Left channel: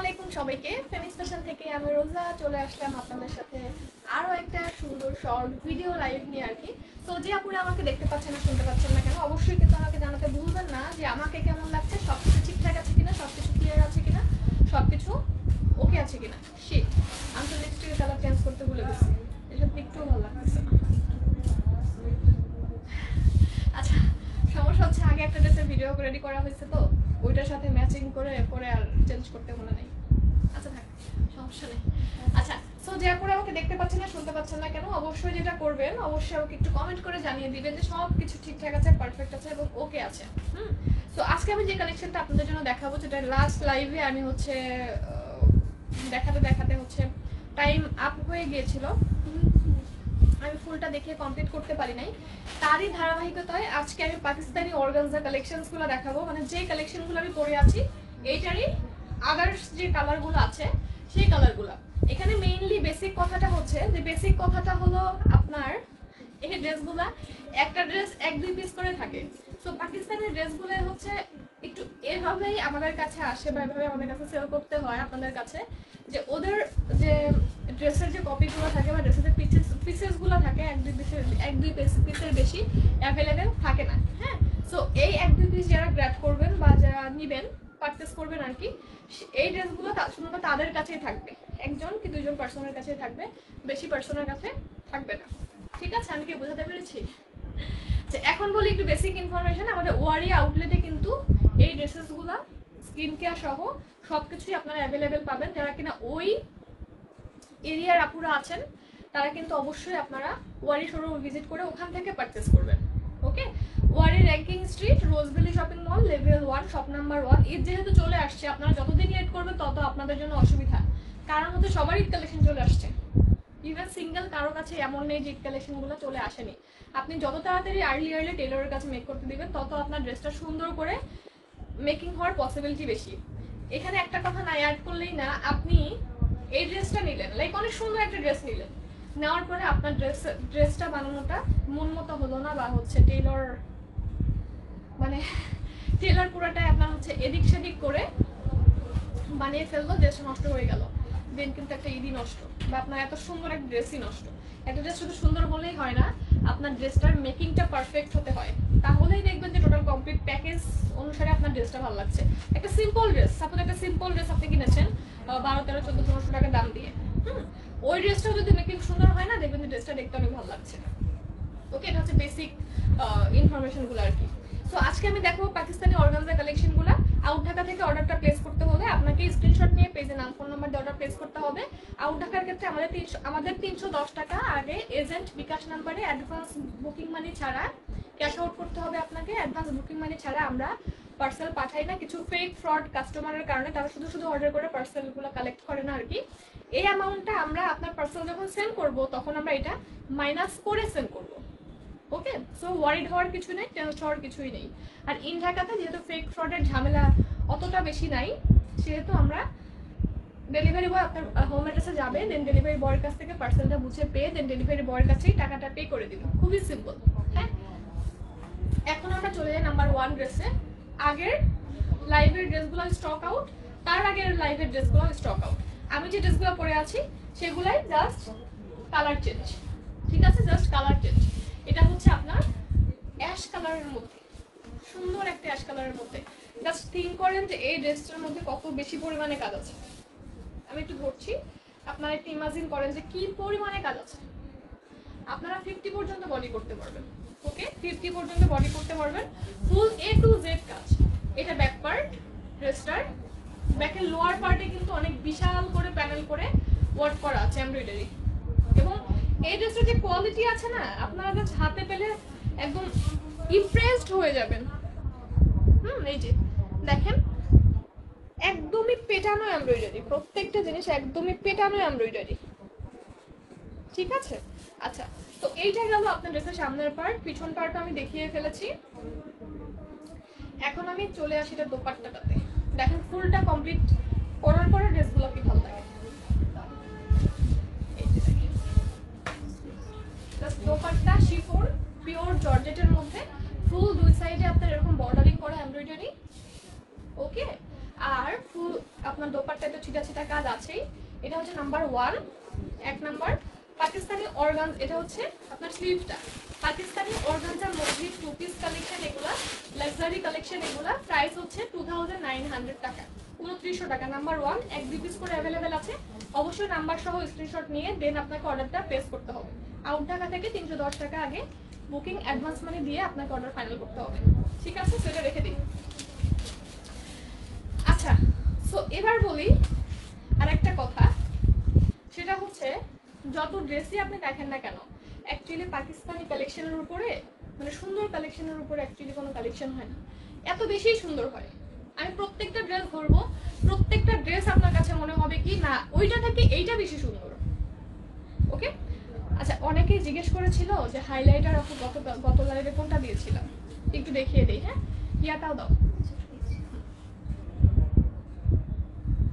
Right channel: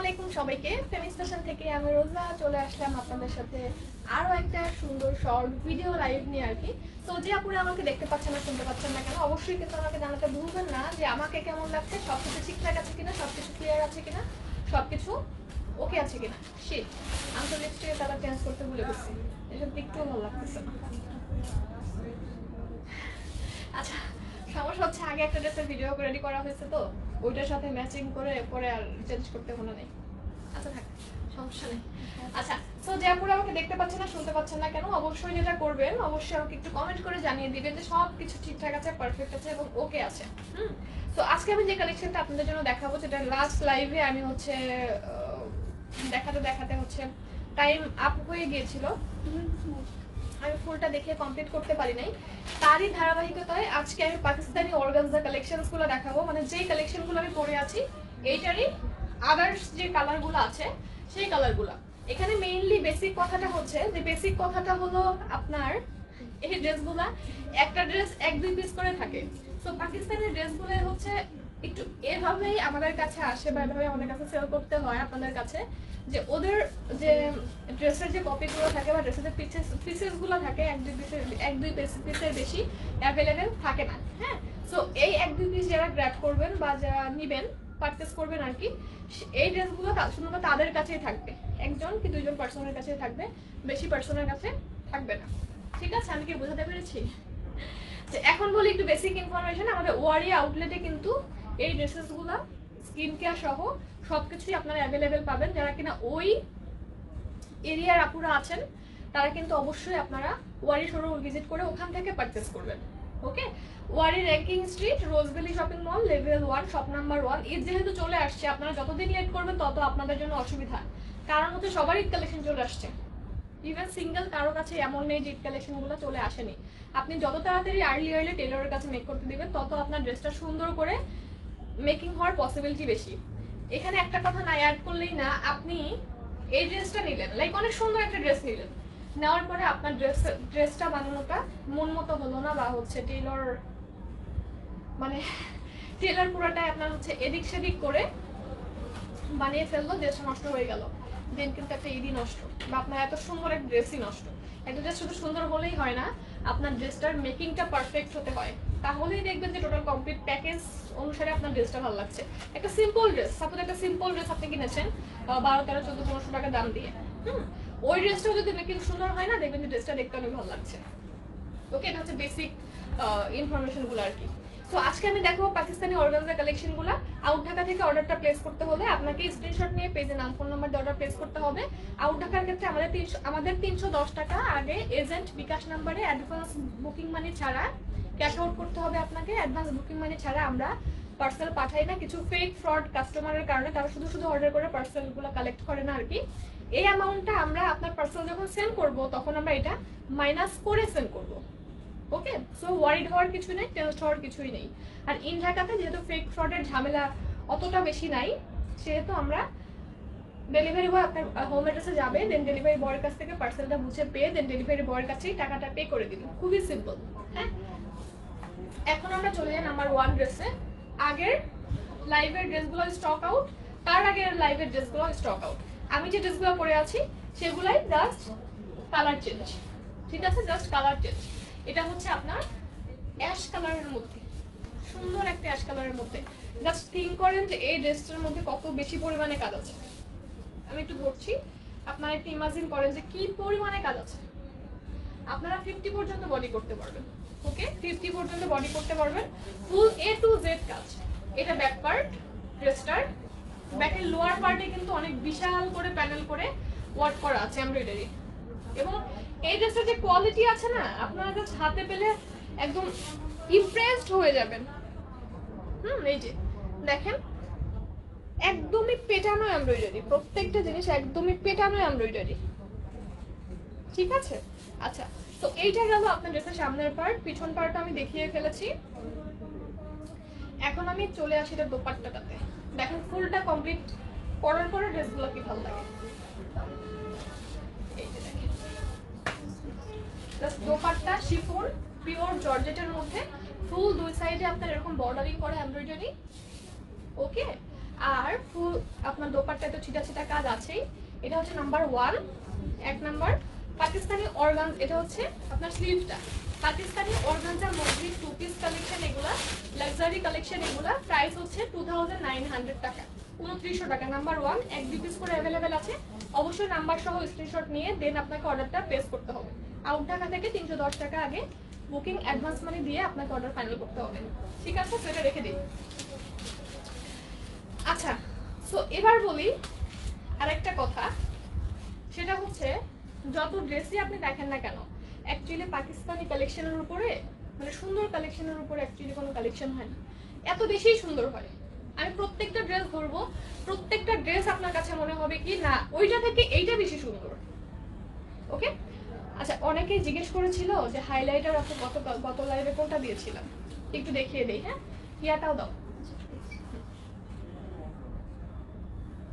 আলাইকুম সবাইকে। ফেমিস ফ্যাশন থেকে আমি রোজা চলে আসলাম আপনাদের সাথে আরো একটা সুন্দর শর্ট ভিডিও লাইভ নিয়ে আর কি। তো যে আপনারা আমাকে দেখতে পাচ্ছেন না শুনতে পাচ্ছেন না কেন, অবশ্যই কিন্তু আমাকে জানাতে ভুলবেন না যে আমাকে কেমন লাগছে, সবকিছু ঠিকঠাক আছে কিনা, সবকিছু ক্লিয়ার আছে কিনা, সবকিছু ওকে আছে কিনা। শিট, আমি তো লিপস্টিকের কালার চেঞ্জ করতে ভুলে গেছি, এসব একটুও ভালো লাগতেছে না। আচ্ছা, সমস্যা হচ্ছে আগে একটা ড্রেসের ভিডিও রেডি করা হয়েছে, তো ওইটার সাথে ম্যাচিং করে পরে আর চেঞ্জ করতে মনে নেই। আচ্ছা থাক, সমস্যা নেই। আচ্ছা, তো যে আপনারা আমাকে দেখতে পাচ্ছেন না শুনতে পাচ্ছেন না কেন, অবশ্যই যেটা করবেন অবশ্যই আমাকে একটু কমেন্ট করে জানিয়ে দিবেন যে সব কিছু ঠিকঠাক আছে, পারফেক্ট আছে এবং ওকে আছে। তো আজকে আমি যে কালেকশনটা আপনাদের জন্য দেখাবো, যেটা লাস্ট লাইভে আমি হচ্ছে দেখাতে দেখাতে হচ্ছে টাইম আপ হয়ে গিয়েছিল, আমি ফুলটা দেখে কমপ্লিট করতে পারি নাই। তারই ধারাবাহিকতায় আজকে আমি পাকিস্তানি অর্গানজা কালেকশনসগুলো দেখাবো, মানে যে কালেকশনগুলো আমি পরে আছি এইটারই আদার্স যে কালারগুলো আছে সেই কালারগুলো। এখানে মেইনলি বেসিক কথাটা হচ্ছে যে বেসিক কথাটা হলো আপনার এই ড্রেসগুলা একটা ড্রেস 1-2 পিস করে থাকে। তো পাকিস্তানের ড্রেসগুলো হচ্ছে একটু এভাবেই আমাদের কাছে আসে বা এভাবে আমাদের কাছে সেল করতে হয় আপনাদের কাছে, যে ওদের যে ড্রেসের যে কপিগুলো থাকে বা ড্রেসের পিসেসগুলো থাকে 1-2 পিসের বেশি অ্যাভেলেবেল থাকে না। হ্যাঁ, সো এই 1-2 পিস যারা গ্র্যাব করবেন বা যারা নিবেন পারচেস করবেন আর কি, এই ড্রেসগুলো শুধুমাত্র তাদের কাছেই থাকবে, 1জন কি 2জন পার্সনের কাছেই থাকবে, বেশি পার্সনের কাছে থাকবে না। ঠিক আছে, আমি কি বুঝাতে পেরেছি? এখন বলি একটু বেসিক ইনফরমেশন। আমাদের ওয়ারি আউটলেটে কিন্তু এই ড্রেসেসগুলো স্কিন কেয়ার সহ সবকিছুই আপনারা অ্যাভেলেবেল পাবেন। যারা কিনা ওই এরিয়ার আপুরা আছেন তারা কিন্তু অবশ্যই আপনারা ওয়ারি শোরুম ভিজিট করে ওখান থেকে পারচেস করবেন। Okay, Wari Rankin street, Rose Valley shopping mall, level 1, shop number 1। Eid যেহেতু চলে আসছে, আপনারা যতদিন লেট করবেন তত আপনাদের জন্য অসুবিধা, কারণ হচ্ছে সবারই কালেকশন চলে আসছে। ইভেন সিঙ্গেল কারো কাছে এমন নেই যে কালেকশনগুলো চলে আসেনি। আপনি যত তাড়াতাড়ি আর্লি টেলরের কাছে মেক করতে দিবেন তত আপনার ড্রেসটা সুন্দর করে মেকিং হওয়ার পসিবিলিটি বেশি। এখানে একটা কথা না অ্যাড করলেই না, আপনি এই ড্রেসটা নিলেন, লাইক অনেক সুন্দর একটা ড্রেস নিলেন, নেওয়ার পরে আপনার ড্রেসটা বানানোটা মন মতো হলো না, বা হচ্ছে টেলর পুরোটাই আপনার হচ্ছে এদিক সেদিক করে বানিয়ে ফেললো, ড্রেসটা নষ্ট হয়ে গেল, দেন কিন্তু একটা ঈদই নষ্ট, বা আপনার এত সুন্দর একটা ড্রেসই নষ্ট। একটা ড্রেস শুধু সুন্দর হলেই হয় না, আপনার ড্রেসটার মেকিংটা পারফেক্ট হতে হয়, তাহলেই দেখবেন যে টোটাল কমপ্লিট প্যাকেজ অনুসারে আপনার ড্রেসটা ভালো লাগছে। একটা সিম্পল ড্রেস, সাপোজ একটা সিম্পল ড্রেস আপনি কিনেছেন 12, 13, 14, 1500 টাকা দাম দিয়ে, ওই ড্রেসটাও যদি মেকিং সুন্দর হয় না, দেখবেন যে ড্রেসটা দেখতে অনেক ভালো লাগছে। ওকে, এটা হচ্ছে বেসিক ইনফরমেশনগুলো আর কি। তো আজকে আমি দেখবো পাকিস্তানি অর্গানজা কালেকশনগুলো। আউট ঢাকা থেকে অর্ডারটা প্লেস করতে হলে আপনাকে স্ক্রিনশট নিয়ে পেজে নাম ফোন নাম্বার দিয়ে অর্ডার প্লেস করতে হবে। আউট ঢাকার ক্ষেত্রে আমাদের 310 টাকা আগে এজেন্ট বিকাশ নাম্বারে অ্যাডভান্স বুকিং মানি ছাড়া ক্যাশ আউট করতে হবে আপনাকে। অ্যাডভান্স বুকিং মানি ছাড়া আমরা পার্সেল পাঠাই না, কিছু ফেক ফ্রড কাস্টমারের কারণে তারা শুধু অর্ডার করে পার্সেলগুলো কালেক্ট করে না আর কি। এই অ্যামাউন্টটা আমরা আপনার পার্সেল যখন সেন্ড করব তখন আমরা এটা মাইনাস করে সেন্ড করব। ওকে, সো ওয়ারিড হওয়ার কিছু নেই, টেনশন হওয়ার কিছুই নেই। আর ইন ঢাকাতে যেহেতু ফেক ফ্রডের ঝামেলা অতটা বেশি নাই, সেহেতু আমরা ডেলিভারি বয় আপনার হোম অ্যাড্রেসে যাবে, দেন ডেলিভারি বয়ের কাছ থেকে পার্সেলটা বুঝে পেয়ে দেন ডেলিভারি বয়ের কাছেই টাকাটা পে করে দিন। খুবই সিম্পল। হ্যাঁ, এখন আমরা চলে যাই নাম্বার 1 ড্রেসে। আগের লাইভের ড্রেসগুলো স্টক আউট, তার আগের লাইভের ড্রেসগুলো স্টক আউট। আমি যে ড্রেসগুলো পরে আছি সেগুলাই জাস্ট কালার চেঞ্জ। ঠিক আছে, জাস্ট কালার চেঞ্জ। এটা হচ্ছে আপনার অ্যাশ কালারের মধ্যে, সুন্দর একটা অ্যাশ কালারের মধ্যে। জাস্ট থিঙ্ক করেন যে এই ড্রেসটার মধ্যে কত বেশি পরিমাণে কাজ আছে। আমি একটু ধরছি, আপনারা একটু ইমাজিন করেন যে কি পরিমাণে কাজ আছে। আপনারা 50 পর্যন্ত বডি করতে পারবেন। ওকে, 50 পর্যন্ত বডি করতে পারবেন, ফুল A to Z কাজ। এটা ব্যাক পার্ট, ড্রেসটার ব্যাকের লোয়ার পার্টে কিন্তু অনেক বিশাল করে প্যানেল করে ওয়ার্ক করা আছে এমব্রয়ডারি। এবং এই ড্রেসের যে কোয়ালিটি আছে না, আপনারা জাস্ট হাতে পেলে একদম ইমপ্রেসড হয়ে যাবেন। এই যে দেখেন, একদমই পেটানো এমব্রয়ডারি, প্রত্যেকটা জিনিস একদমই পেটানো এমব্রয়ডারি। ঠিক আছে, আচ্ছা, তো এইটা গেল আপনার ড্রেসের সামনের পার্ট। পিছন পার্ট আমি দেখিয়ে ফেলেছি, এখন আমি চলে আসি এটা দোপাট্টাটাতে। দেখেন ফুলটা কমপ্লিট করার পরে ড্রেসগুলো কি ভালো লাগে। দোপাট্টা শিফন পিওর জর্জেটের মধ্যে, ফুল দুই সাইডে আপনার এরকম বর্ডারিং করা এমব্রয়ডারি। ওকে, আর ফুল আপনার দোপাট্টাতে ছিটা ছিটা কাজ আছেই। এটা হচ্ছে নাম্বার 1, 1 নাম্বার পাকিস্তানি অর্গানজা। এটা হচ্ছে আপনার স্লিভটা পাকিস্তানি অর্গানজা মজলিস 2 পিস কালেকশন, এগুলা লাক্সারি কালেকশন। এগুলা প্রাইস হচ্ছে 2900 টাকা, 2900 টাকা। নাম্বার 1 1-2 পিস করে অ্যাভেলেবেল আছে। অবশ্যই নাম্বার সহ স্ক্রিনশট নিয়ে দেন আপনাকে অর্ডারটা প্লেস করতে হবে। আউট ঢাকা থেকে 310 টাকা আগে বুকিং অ্যাডভান্স মানি দিয়ে আপনাকে অর্ডার ফাইনাল করতে হবে, ঠিক আছে? সেটা রেখে দিন। আচ্ছা, সো এবার বলি আরেকটা কথা, সেটা হচ্ছে যত ড্রেসই আপনি দেখেন না কেন, অ্যাকচুয়ালি পাকিস্তানি কালেকশনের উপরে মানে সুন্দর কালেকশনের উপরে অ্যাকচুয়ালি কোনো কালেকশন হয় না, এত বেশি সুন্দর হয়। আমি প্রত্যেকটা ড্রেস ধরবো, প্রত্যেকটা ড্রেস আপনার কাছে মনে হবে কি না ওইটা থেকে এইটা বেশি সুন্দর। ওকে, আচ্ছা, অনেকেই জিজ্ঞেস করেছিল যে হাইলাইটার আপু গত লাইভে কোনটা দিয়েছিলাম, একটু দেখিয়ে দেই। হ্যাঁ, ইয়াটাও দাও,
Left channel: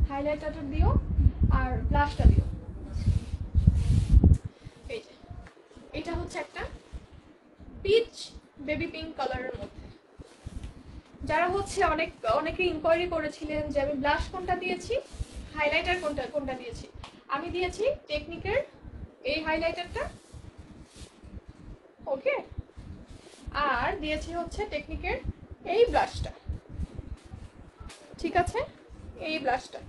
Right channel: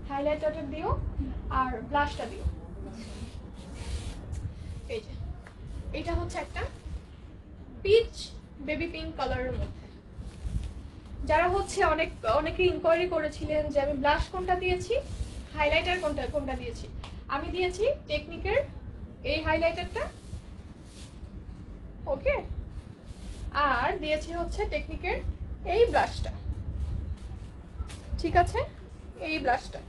হাইলাইটারটা দিও আর ব্লাশটা দিও। এই যে এটা হচ্ছে একটা পিচ বেবি পিঙ্ক কালারের মধ্যে। যারা হচ্ছে অনেকে ইনকোয়ারি করেছিলেন যে আমি ব্লাশ কোনটা দিয়েছি, হাইলাইটার কোনটা দিয়েছি, আমি দিয়েছি টেকনিকের এই হাইলাইটারটা, ওকে, আর দিয়েছি হচ্ছে টেকনিকের এই ব্লাশটা, ঠিক আছে? এই ব্লাশটা।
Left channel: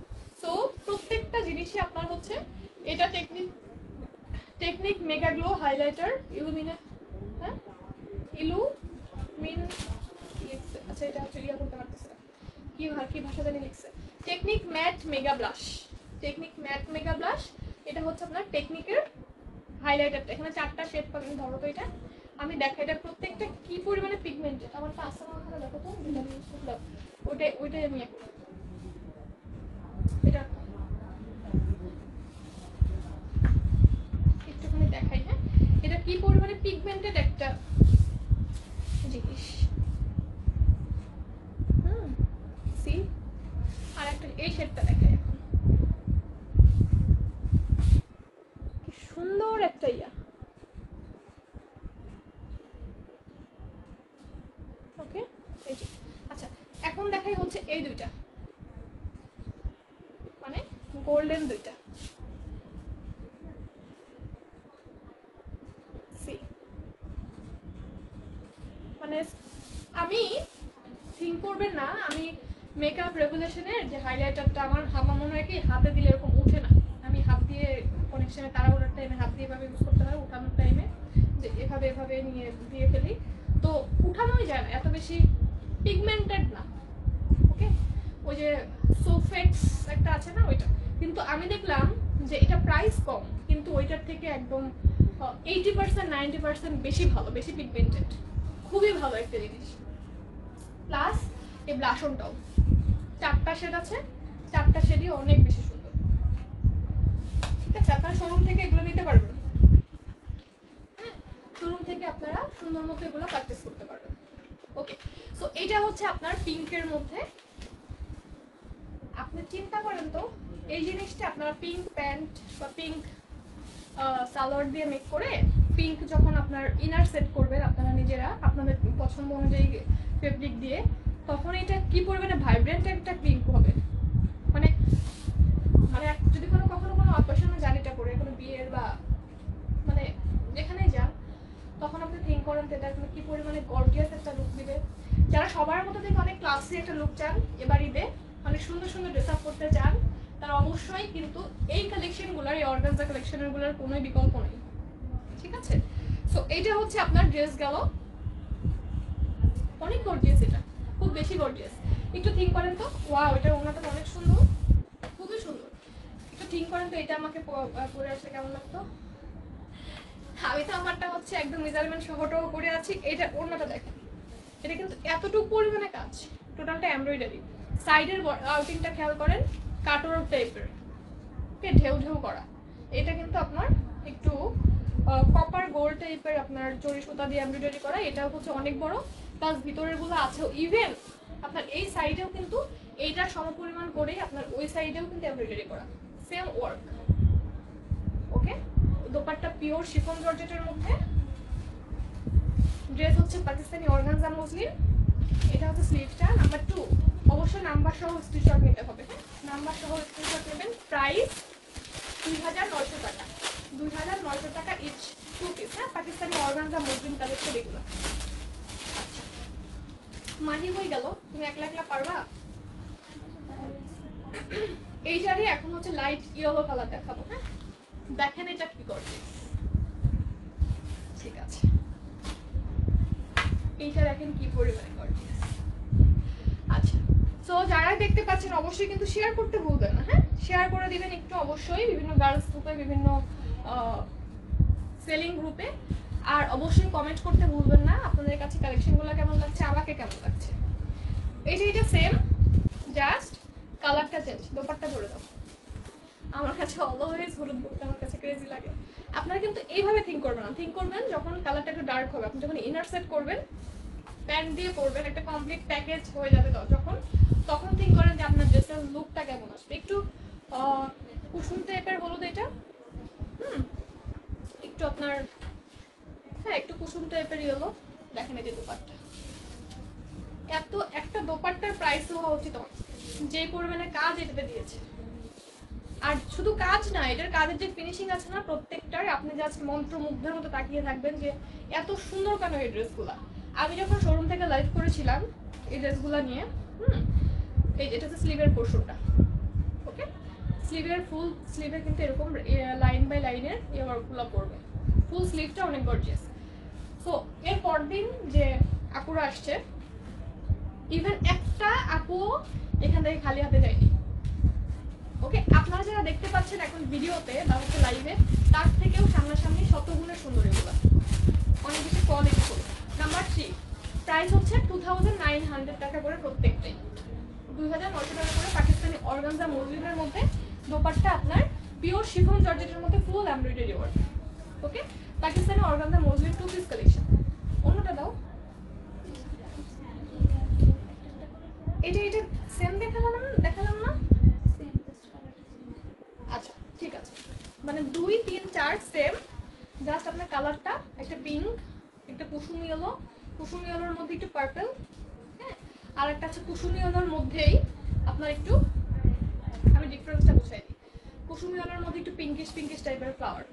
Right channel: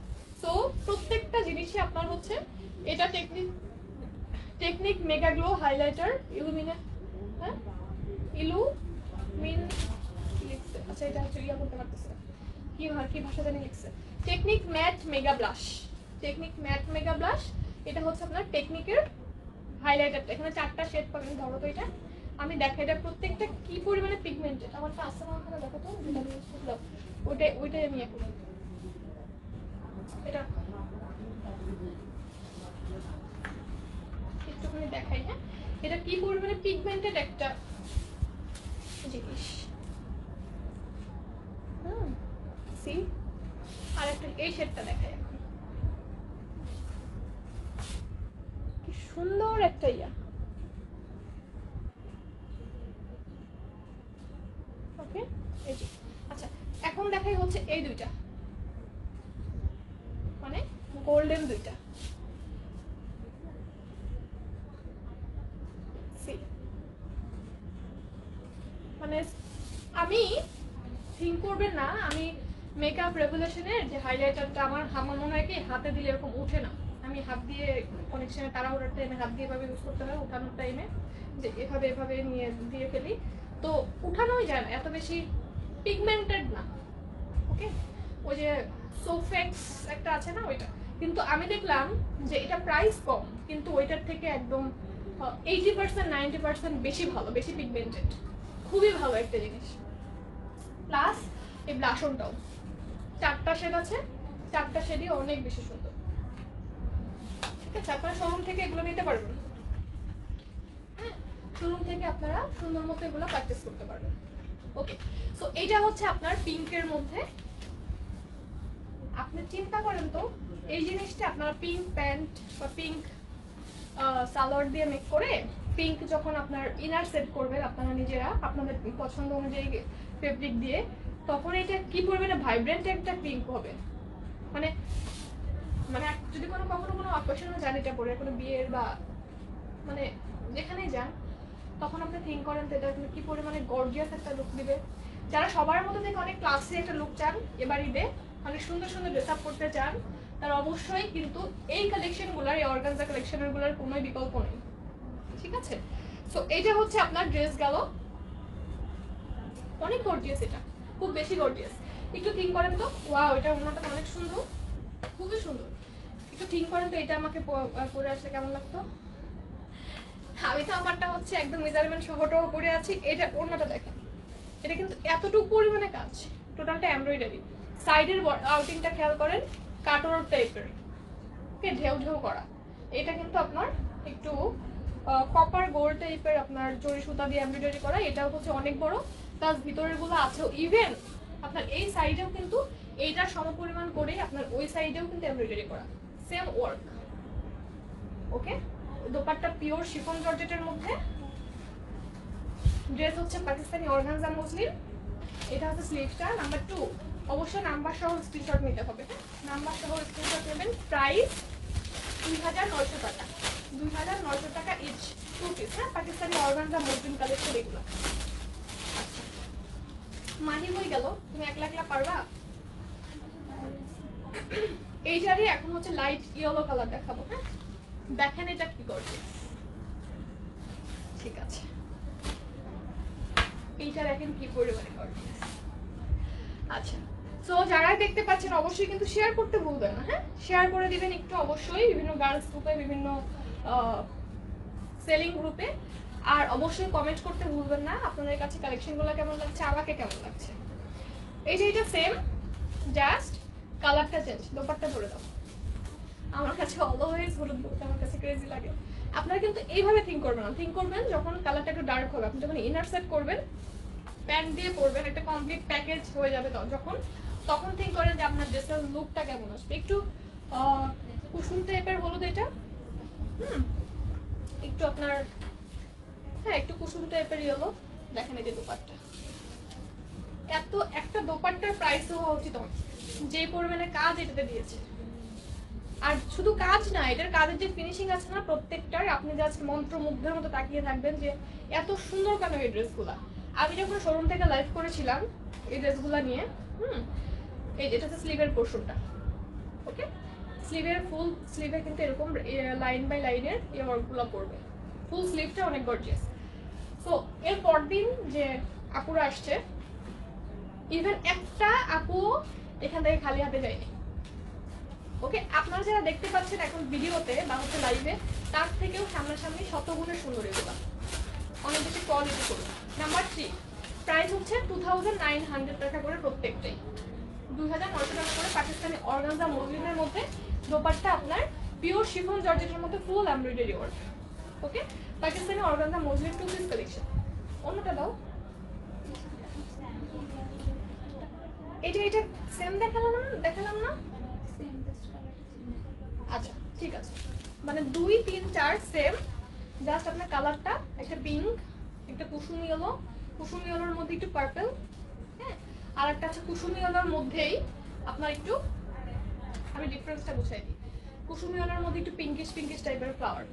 তো প্রত্যেকটা জিনিসই আপনার হচ্ছে এটা technique mega glow highlighter illuminate, হ্যাঁ ইলুমিন লিখছে, আচ্ছা এটা ক্লিয়ার করতে পারতেছে কি ভাষা জানি লিখছে, Technic matte mega blush, Technic matte mega blush. এটা হচ্ছে আপনার টেকনিকের হাইলাইটারটা, এখানে 4টা শেড পাবেন। ধরো তো এটা আমি দেখা, এটা প্রত্যেকটা কি পরিমাণে পিগমেন্টেড, আমার তো আসলে ওখানে দেখো তো ওইটাই আমি এটা একটুখানি দেখাই। হ্যাঁ, এটা কি পরিমাণে পিগমেন্টেড একটা জিনিস। সি, আর একটা এই শেডটা দেখাই এখন, কি সুন্দর একটা ইয়া। ওকে, এই যে আচ্ছা, এখন দেখাই হচ্ছে এই দুইটা, মানে গোল্ডেন দুইটা। মানে আমি থিঙ্ক করবেন না আমি মেকআপ রেগুলেশনের যে হাইলাইটারটা আমার মনে হয় কি হাতে দিলে এরকম ওঠে না, আমি হাত দিয়ে কানেকশনে তাড়াহুড়োর টাইমে হাত দিয়ে এভাবে ইউজ করতে হয়, উঠানোর টাইমে যে এভাবে নিয়ে দিয়ে ফেলি, তো উঠানোই যায় না, এত বেশি পিগমেন্টেড না। ওকে, ওই যে সোফেক্স একটা আছে না ওইটা, কিন্তু আমি দেখলাম যে এটা প্রাইস কম কিন্তু ওইটার থেকে একদম 80% 90% বেশি ভালো, বেশি পিগমেন্টেড, খুবই ভালো একটা জিনিস। প্লাস এই ব্লাশনটাও 4টা শেড আছে, 4টা শেডই অনেক বেশি সুন্দর, ঠিক আছে? আপনারা শোরুম থেকে এগুলো নিতে পারবেন, হ্যাঁ, শোরুম থেকে আপনারা সুন্দর মতো এগুলো পারচেস করতে পারবেন। ওকে, সো এইটা হচ্ছে আপনার পিঙ্কের মধ্যে। আপনি চিন্তা করেন তো এই জিনিসটা আপনারা পিঙ্ক প্যান্ট বা পিঙ্ক সালোয়ার দিয়ে মেক করে পিঙ্ক যখন আপনার ইনার সেট করবেন আপনারা নিজেরা আপনাদের পছন্দ অনুযায়ী ফেব্রিক দিয়ে, তখন এটা কি পরিমাণে ভাইব্রেন্ট একটা পিঙ্ক হবে। মানে মানে যদি কখনো কোনো অকেশনে যান এটা পরে, কোনো বিয়ের বা মানে যেখানেই যান, তখন আপনি থিঙ্ক করেন এটা কি পরিমাণে গর্জিয়াস একটা লুক দিবে। যারা সবার মতো দেখে অনেক ক্লাসি একটা লুক চান, এবার ঈদে অনেক সুন্দর সুন্দর ড্রেস আপ করতে চান, তার অবশ্যই কিন্তু এই কালেকশনগুলোর, এই অর্গানজা কালেকশনগুলোর কোনো বিকল্প নেই, ঠিক আছে? সো এইটা হচ্ছে আপনার ড্রেস গেল, অনেক গর্জিয়াস, এটা খুব বেশি গর্জিয়াস। একটু থিঙ্ক করেন তো, ওয়াও এটার ওড়নাটা অনেক সুন্দর, খুবই সুন্দর। একটু থিঙ্ক করেন তো এটা আমাকে পরে আসলে কেমন লাগতো। আমি তো আমারটা হচ্ছে একদম মেজারমেন্ট সহটাও পরে আছি। এটা ওড়নাটা দেখেন, এটা কিন্তু এতটুকু পরিমাণে কাজ, টোটালটা এমব্রয়ডারি। সাইডের আউটিংটা খেয়াল করেন, কাটওয়ার্ক টাইপের, ওকে, ঢেউ ঢেউ করা। এটা কিন্তু আপনার একটু কপার গোল্ড টাইপের আপনার জরি সুতা দিয়ে এমব্রয়ডারি করা। এটাও হচ্ছে অনেক বড়, প্লাস ভিতরের গুলো আছে, ইভেন আপনার এই সাইডেও কিন্তু এইটার সমপরিমাণ করে আপনার ওই সাইডেও কিন্তু এমব্রয়ডারি করা, সেম ওয়ার্ক। ওকে, দোপাট্টা পিওর শিফন জর্জেটের মধ্যে, ড্রেস হচ্ছে পাকিস্তানি অর্গানজা মসলিন। এটা হচ্ছে স্লিভসটা। নাম্বার 2, অবশ্যই অবশ্যই নাম্বার সহ স্ক্রিনশট নিতে হবে। নাম্বার সহ স্ক্রিনশট নেবেন। প্রাইস 2900 টাকা, 2900 টাকা ইচ, 2 পিস। হ্যাঁ, পাকিস্তানি অর্গানজা মসলিন কালেকশন এগুলো। মাহি হয়ে গেল, তুমি একলা একলা পারবা? এইটারই এখন হচ্ছে লাইট ইয়েলো কালার দেখাবো। হ্যাঁ, দেখেন এটা কি করবে। ঠিক আছে, এইটা দেখেন কি পরিমাণে করবে। আচ্ছা, সো যারা দেখতে পাচ্ছেন অবশ্যই কিন্তু শেয়ার করতে ভুলবেন না। হ্যাঁ, শেয়ার করে দিবেন একটু অবশ্যই, বিভিন্ন গার্লস গ্রুপে, বিভিন্ন সেলিং গ্রুপে। আর অবশ্যই কমেন্ট করতে ভুলবেন না আপনাদের কাছে কালেকশনগুলো কেমন লাগছে, আমাকে কেমন লাগছে। এইটা সেম, জাস্ট কালারটা চেঞ্জ। দোপাট্টা ধরে দাও। আমার কাছে অলওয়েজ হলুদ দোপাট্টা আমার কাছে ক্রেজি লাগে। আপনারা কিন্তু এইভাবে থিঙ্ক করবেন না, থিঙ্ক করবেন যখন কালারটা একটু ডার্ক হবে, আপনি যখন ইনার সেট করবেন, প্যান্ট দিয়ে পরবেন, একটা কমপ্লিট প্যাকেজ হয়ে যাবে তখন থিঙ্ক করেন যে আপনার ড্রেসের লুকটা কেমন আসবে। একটু কুসুম টাইপের হলুদ এটা, একটু আপনার, হ্যাঁ একটু কুসুম টাইপের ইয়েলো। দেখেন এই যে দোপাট্টা, এত একটা দোপাট্টার প্রাইস হওয়া উচিত যে পরিমাণে কাজ এটাতে দিয়েছে। আর শুধু কাজ না, এটার কাজের যে ফিনিশিং আছে না প্রত্যেকটার, আপনি জাস্ট মন্ত্রমুগ্ধের মতো তাকিয়ে থাকবেন যে এত সুন্দর কেন এই ড্রেসগুলা। আমি যখন শোরুম থেকে লাইভ করেছিলাম এই ড্রেসগুলা নিয়ে, এই এটা হচ্ছে স্লিভের পোর্শনটা। ওকে, স্লিভের ফুল স্লিভের কিন্তু এরকম লাইন বাই লাইনের এই ওয়ার্কগুলো পড়বে। ফুল স্লিভটা অনেক গর্জিয়াস। সো এর পরদিন যে আপুরা আসছে, ইভেন একটা আপু এখান থেকে খালি হাতে যায়নি। ওকে, আপনারা যারা দেখতে পাচ্ছেন এখন ভিডিওতে বা হচ্ছে লাইভে, তার থেকেও সামনাসামনি শতগুণের সুন্দর এগুলো, অনেক বেশি কোয়ালিটি করে। নাম্বার 3, প্রাইস হচ্ছে 2900 টাকা করে প্রত্যেকটাই। 2900 টাকা করে পাকিস্তানি অর্গানজা মসলিনের মধ্যে দোপাট্টা আপনার পিওর শিফন জর্জেটের মধ্যে full embroidery work. Okay, Pakistani organza muslin 2 piece collection. অন্যটা দাও। এটা সেম দেখালাম না? আচ্ছা ঠিক আছে, মানে 2, 3, 4 সেম, জাস্ট আপনার কালারটা একটা পিঙ্ক, একটা কুসুম ইয়েলোর মধ্যে একটু পার্পল, হ্যাঁ, আর একটা আছে কুসুম ইয়েলোর মধ্যেই আপনার একটু, আমি ডিফারেন্সটা বুঝাই দিই, কুসুম ইয়েলোর মধ্যে একটু পিঙ্কিশ টাইপের ফ্লাওয়ার।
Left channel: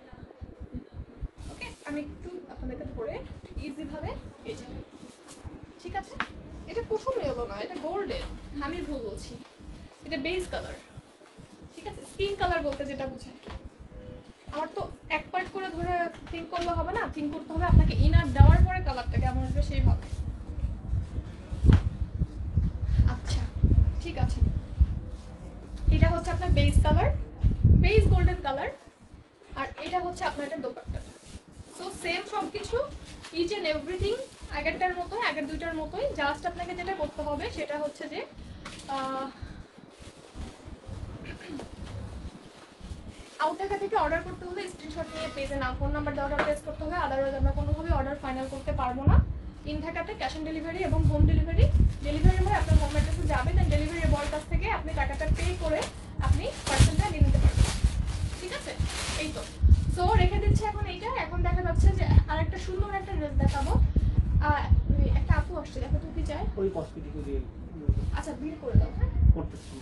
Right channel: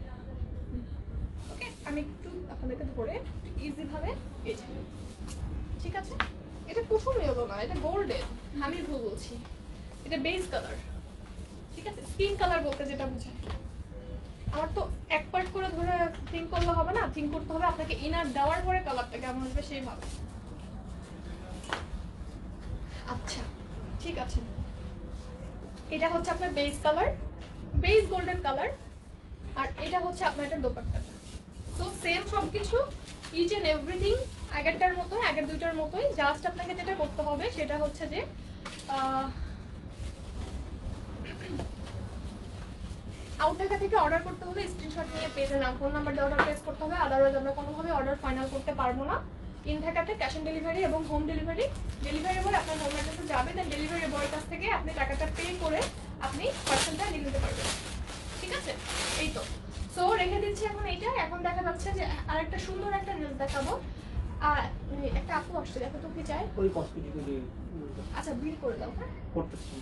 ওকে, আমি একটু আপনাদেরকে ধরে ইজি ভাবে এই যে, ঠিক আছে, এটা কুসুম ইয়েলো না, এটা গোল্ডেন, আমি ভুল বলছি, এটা বেস কালার। ঠিক আছে, স্কিন কালার বলতে যেটা বোঝায়। আমার তো এক পার্ট করে ধরে থিঙ্ক করলে হবে না, থিঙ্ক করতে হবে আপনাকে ইনার দেওয়ার পরে কালারটা কেমন আসবে সেইভাবে। আচ্ছা ঠিক আছে, এটা হচ্ছে আপনার base colour, base golden colour, আর এটা হচ্ছে আপনার এটা দোপাট্টাটা। তো সেম সবকিছু, ইচ এন্ড এভরিথিং আগেরটার মতো, আগের দুইটার মতোই। জাস্ট আপনাকে যেটা করতে হবে সেটা হচ্ছে যে আউটলেট থেকে অর্ডার করতে হলে স্ক্রিনশট নিয়ে পেজে নাম ফোন নাম্বার দিয়ে অর্ডার প্লেস করতে হবে, আদারওয়াইজ আমরা কোনোভাবে অর্ডার ফাইনাল করতে পারবো না। ইন ঢাকাতে ক্যাশ অন ডেলিভারি এবং হোম ডেলিভারি মানে আপনার হোম অ্যাড্রেসে যাবে, দেন ডেলিভারি বয়ের কাছ থেকে আপনি টাকাটা পে করে আপনি পার্সেলটা নিয়ে নিতে পারবেন। ঠিক আছে, এই তো। সো রেখে দিচ্ছি এখন এইটা। এখন দেখা যাচ্ছে যে আরেকটা সুন্দর একটা ড্রেস দেখাবো। আর একটা আপু আসছে, দেখো তো কি চাই। ওই কসমেটিক দিয়ে আচ্ছা বিল করে দাও। হ্যাঁ করতেছি,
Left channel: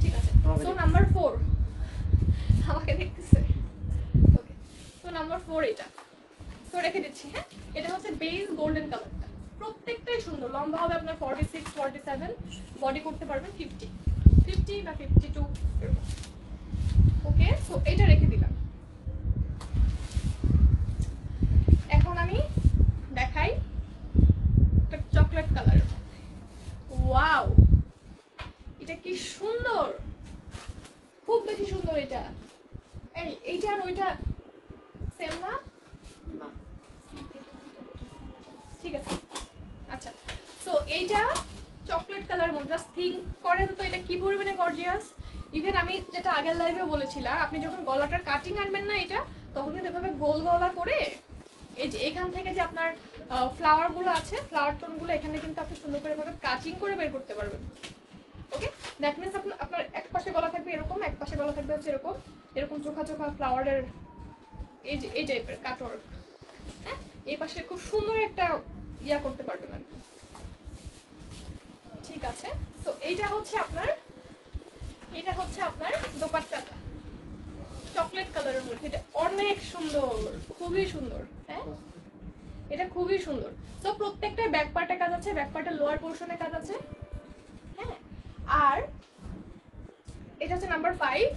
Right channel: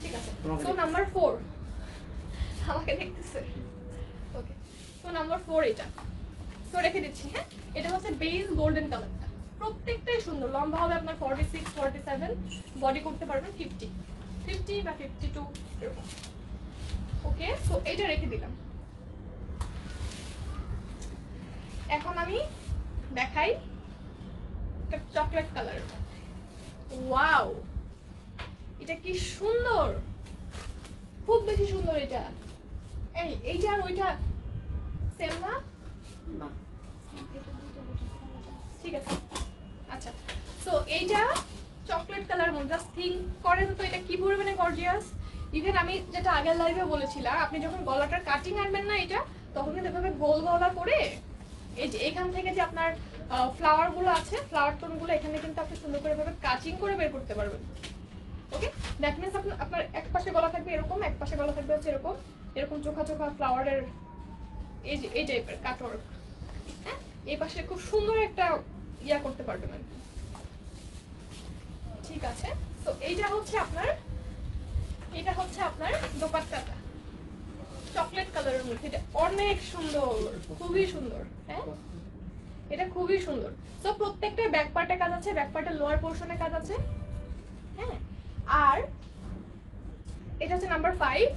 ঠিক আছে। সো নাম্বার 4 আমাকে দেখতেছে। ওকে, সো নাম্বার 4 এটা। সো রেখে দিচ্ছি। হ্যাঁ, এটা হচ্ছে বেজ গোল্ডেন কালারটা, প্রত্যেকটাই সুন্দর। লম্বা হবে আপনার 46, 47, বডি করতে পারবেন 50 বা 52 এরকম। ওকে, সো এটা রেখে দিলাম। এখন আমি দেখাই একটা চকলেট কালারের মধ্যে। ওয়াও, এটা কি সুন্দর, খুব বেশি সুন্দর। এটা এইটা আর ওইটা সেম না? ঠিক আছে, আচ্ছা। সো এইটা চকলেট কালার মধ্যে, জাস্ট থিঙ্ক করেন তো এটা কি পরিমাণে গর্জিয়াস। ইভেন আমি যেটা আগের লাইভে বলেছিলাম, আপনি যখন গলাটার কাটিং আনবেন না এটা, তখন কিন্তু এভাবে গোল গলা করে এই যে এখান থেকে যে আপনার ফ্লাওয়ার গুলো আছে, ফ্লাওয়ার টোন গুলো এখানে কিন্তু আপনি সুন্দর করে এভাবে কাটিং করে বের করতে পারবেন। ওকে, দ্যাট মিনস আপনার এক পাশে গলা থাকবে এরকম, এক পাশে গলা থাকবে হচ্ছে এরকম, এরকম চোখা ফ্লাওয়ারের এই যে এই টাইপের কাটওয়ার্ক। হ্যাঁ, এই পাশে খুব সুন্দর একটা ইয়া করতে পারবেন আর কি। ঠিক আছে, তো এটা হচ্ছে আপনার দোপাট্টাটা চকলেট কালারের মধ্যে, এটা অনেক সুন্দর, খুবই সুন্দর। হ্যাঁ, এটা খুবই সুন্দর। তো প্রত্যেকটা ব্যাক পার্টে কাজ আছে, ব্যাক পার্টের লোয়ার পোর্শনে কাজ আছে। হ্যাঁ, আর এটা হচ্ছে নাম্বার 5,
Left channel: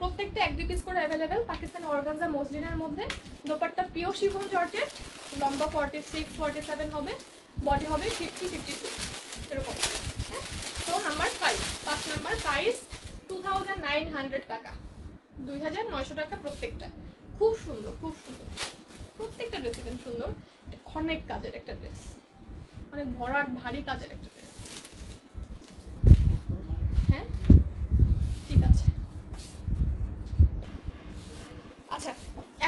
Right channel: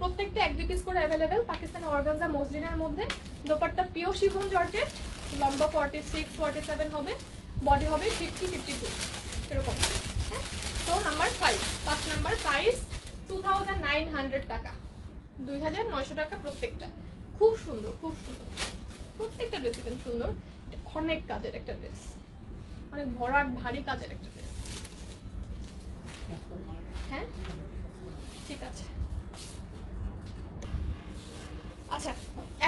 প্রত্যেকটা 1-2 পিস করে অ্যাভেলেবেল, পাকিস্তানি অর্গানজা মসলিনের মধ্যে। দোপাট্টা পিওর শিফন জর্জেট, লম্বা 46-47 হবে, বডি হবে 50-52 এরকম। হ্যাঁ, তো নাম্বার 5 নাম্বার প্রাইস 2900 টাকা, 2900 টাকা প্রত্যেকটা। খুব সুন্দর, খুব সুন্দর, প্রত্যেকটা ড্রেস সুন্দর। অনেক কাজের একটা ড্রেস, অনেক ভরাট ভারী কাজের একটা ড্রেস। হ্যাঁ, ঠিক আছে। আচ্ছা,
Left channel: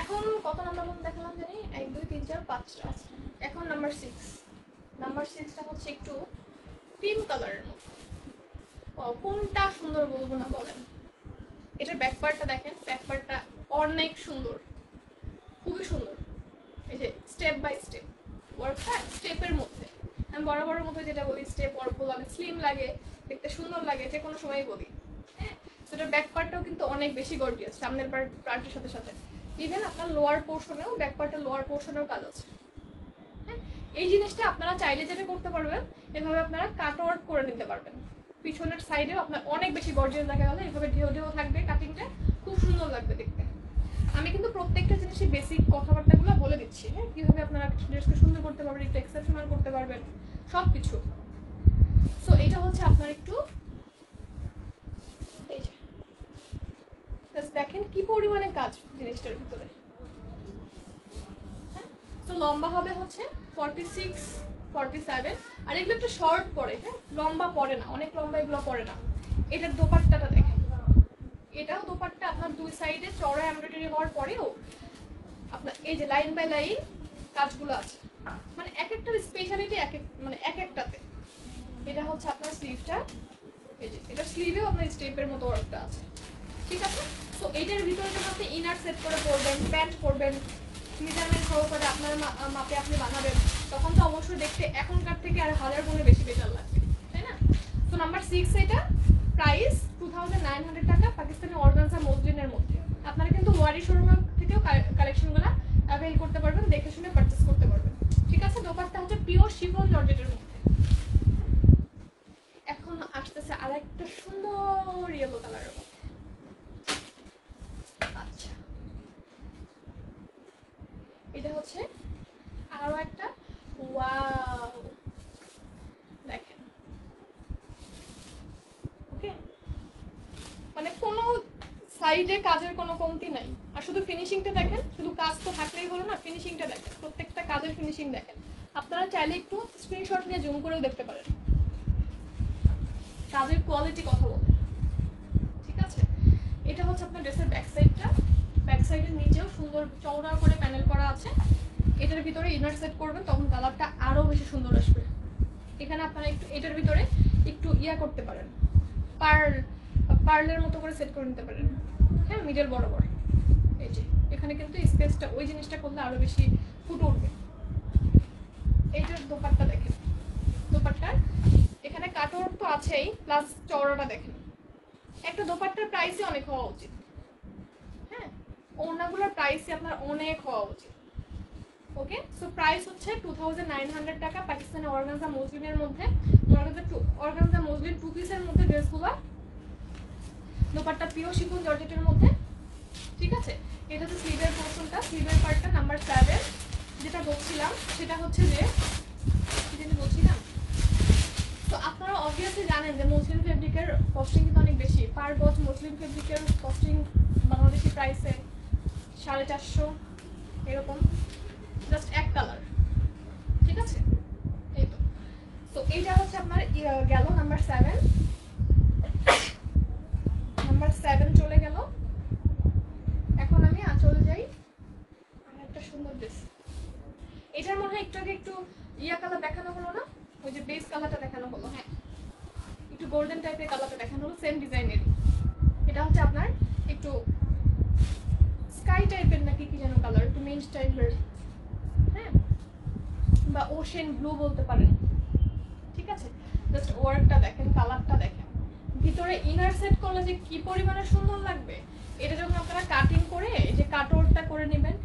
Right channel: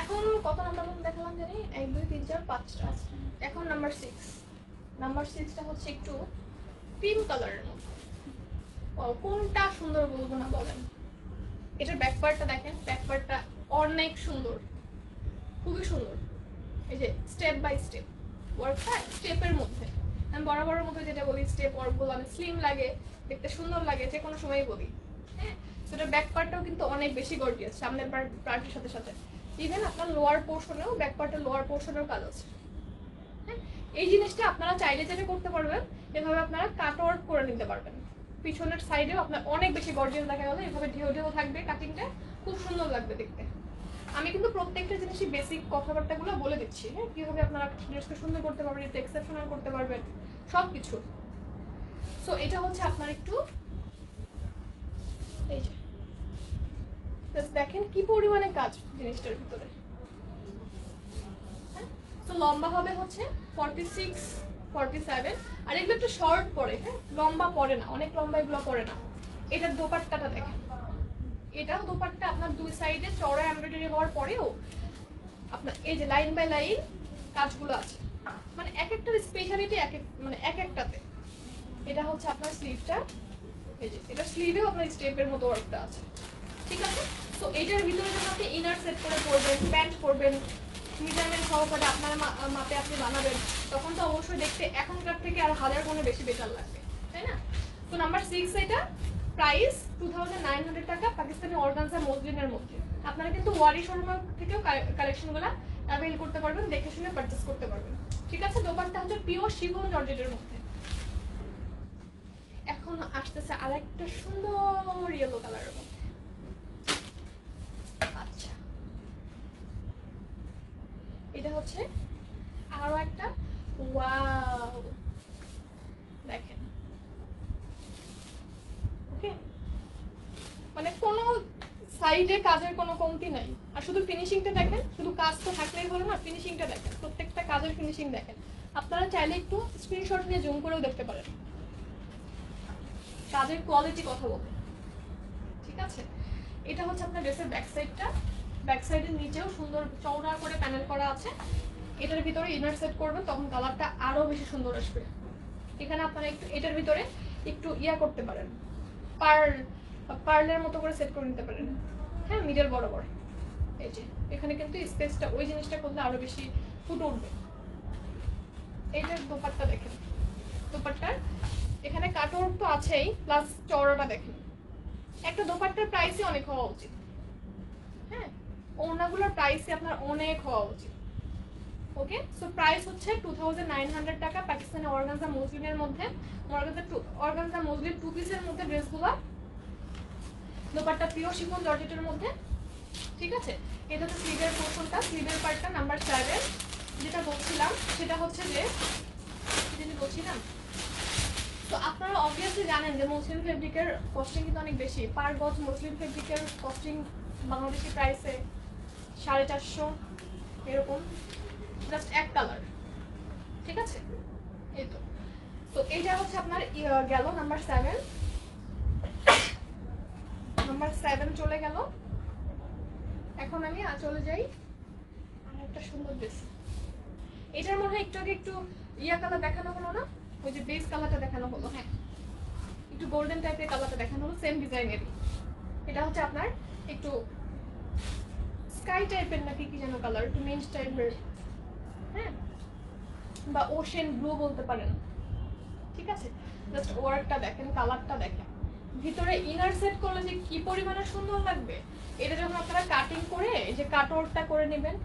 এখন কত নাম্বার দেখালাম জানি? 1 2 3 4 5। আচ্ছা, এখন নাম্বার 6। নাম্বার 6টা হচ্ছে একটু ক্রিম কালারের মধ্যে। কোনটা সুন্দর বলবো না বলেন? এটার ব্যাক পার্টটা দেখেন, ব্যাক পার্টটা অনেক সুন্দর, খুবই সুন্দর। এই যে স্টেপ বাই স্টেপ ওয়ার্কটা, স্টেপের মধ্যে আমি বরাবরের মধ্যে যেটা বলি, স্টেপ ওয়ার্কগুলো অনেক স্লিম লাগে, দেখতে সুন্দর লাগে, যে কোনো সময়ই বলি। হ্যাঁ, সেটার ব্যাক পার্টটাও কিন্তু অনেক বেশি গর্জিয়াস, সামনের পার্টের সাথে সাথে ইভেন আপনার লোয়ার পোর্শনেও, ব্যাক পার্টের লোয়ার পোর্শনেও কাজ আছে। হ্যাঁ, এই জিনিসটা আপনারা চাইলে যেটা করতে পারবেন, এভাবে আপনারা কাট ওয়ার্ক করে নিতে পারবেন। পিছনের সাইডেও আপনার অনেক বেশি গর্জিয়াস দেখা গেল, এভাবে ঢেউ ঢেউ থাকবে, কাটিংটা খুব সুন্দর লাগবে দেখতে। আমি কিন্তু প্রত্যেকটা জিনিসই বেসিক কথাবার্তাগুলো বলে দিচ্ছি। হ্যাঁ, কিভাবে আপনারা ড্রেসকে সুন্দর করতে পারবেন, একটু এক্সেপশনাল করতে পারবেন, সবকিছু। সো এটা হচ্ছে আপনার একটু দেখেন কি পরিমাণে কাজ জিনিসটার ভিতরে। হ্যাঁ, তো লম্বা হবে হচ্ছে 46-47, আর এগুলো একটু শর্ট পরে। হ্যাঁ, লম্বা পরে না, অনেক লম্বা এগুলো পরে না। এটার দোপাট্টাটা দেখেন, এটাও দোপাট্টা আপনার দুই সাইডে চড়া এমব্রয়ডারি হওয়ার পরেও আপনার এই যে লাইন বাই লাইন কাজগুলো আছে, মানে এক একটার স্পেশালিটি এক একটাতে। এটা হচ্ছে আপনার স্লিভটা, এই যে এটা স্লিভেও আপনার স্টেপের মতো ওয়ার্কটা আছে। ঠিক আছে, তো এইটার ভিতরে যখন আপনি ইনার সেট করে পরবেন, প্যান্ট পরবেন, মেজারমেন্ট সহকারে আপনার মাপে আপনি বানাবেন, তখন তো অবশ্যই দেখতে এখনকার থেকে আর 1000 গুণে বেশি বেটার লাগবে, তাই না? তো নাম্বার 6 এটা প্রাইস 2900 টাকা, পাকিস্তানি অর্গানজা মসলিনের মধ্যে। আপনারা কিন্তু ওয়ারি শোরুম থেকেও কালেকশনগুলো অ্যাভেল করতে পারবেন, দেখে শুনে পারচেজ করতে পারবেন। ঠিক আছে, দোপাট্টা হচ্ছে পিওর শিফন জর্জেটের মধ্যে। এখন আসতেছে আরেকটা সুন্দর ইয়েলো কালারের মধ্যে। আচ্ছা, এটা হচ্ছে আরো একটা ওয়াও, দেখেন। ওকে, মানে কোনো সাইডে কাজের কোনো কমতি নাই। আর শুধু ফিনিশিংটা দেখেন, শুধু কাজটা থাকলেই হলো না, ফিনিশিংটা দেখেন, প্রত্যেকটা কাজের ফিনিশিং দেখেন। আপনারা চাইলে একটু স্ক্রিনশট নিয়ে জুম করেও দেখতে পারেন, কাজের কোয়ালিটি কথা বলতে। ঠিক আছে, এটা হচ্ছে আপনার ড্রেসের ব্যাক সাইডটা। ব্যাক সাইডের নিচেও সুন্দর চওড়া করে প্যানেল করা আছে। এটার ভিতরে ইনার সেট করবেন, তখন কালারটা আরো বেশি সুন্দর আসবে। এখানে আপনারা একটু এটার ভিতরে একটু ইয়া করতে পারেন, পার্লের মতো করে সেট করে নিতে পারেন। হ্যাঁ, মিডল বরাবর এই যে এখানে কিন্তু স্পেসটা, ওই জিনিসটা করলে আরো বেশি ফুটে উঠবে। এইটার দোপাট্টা দেখেন, দোপাট্টার এখানে কাটওয়ার্ক তো আছেই, প্লাস চওড়াটা দেখেন। একটা দোপাট্টার প্রাইসই অনেক হওয়া উচিত। হ্যাঁ, ওড়নাগুলোর প্রাইসই আপনার অনেক হওয়া উচিত। ওকে, সো প্রাইস হচ্ছে 2900 টাকা, পাকিস্তানি অর্গানজা মসলিনের মধ্যে। অর্গানজা মসলিন 2 পিসের মধ্যে ড্রেসগুলো, দোপাট্টা পিওর শিফন জর্জেটের মধ্যে। ঠিক আছে, এটা হচ্ছে স্লিভের পোর্শনটা, স্লিভের পার্টটা নাম্বার 7। যেটা বলছিলাম সেটা হচ্ছে যে বলছিলাম, তো আপনারা অবভিয়াসলি জানেন যে মসলিন ফেব্রিকের কস্টিং কিন্তু অনেক বেশি। পার গজ মসলিন ফেব্রিকের কস্টিং বাংলাদেশি প্রাইসে 450 এরকম, জাস্ট এক কালার। ঠিক আছে, এই তো এইটা হচ্ছে আপনার গেল নাম্বার 7। নাম্বার 7 চলে গেল। এখন আমি চলে যাই আর একটা সুন্দর ড্রেস। এটার মধ্যে একটু আগে একটু ইয়া কালার দেখানো হলো না, ওই যে বেস কালারটা দেখানো হলো। হ্যাঁ, একটু গোল্ডেন টাইপের কালারটা দেখানো হলো, সেম ডিজাইনের। এটা হচ্ছে আপনার একটু স্কাই টাইপের নাকি কি যেন কালার, একটু মেঞ্জ টাইপের। হ্যাঁ, বা ওশেন ব্লু বলতে পারেন। ঠিক আছে, জাস্ট ওয়ার্কটা দেখেন, কালারটা দেখেন, ভিতরে ইনার সেট করলে যে কি পরিমাণে সুন্দর লাগবে। এটা যখন আপনারা কাটিং করে এই যে কাটওয়ার্কটা করে নেবেন,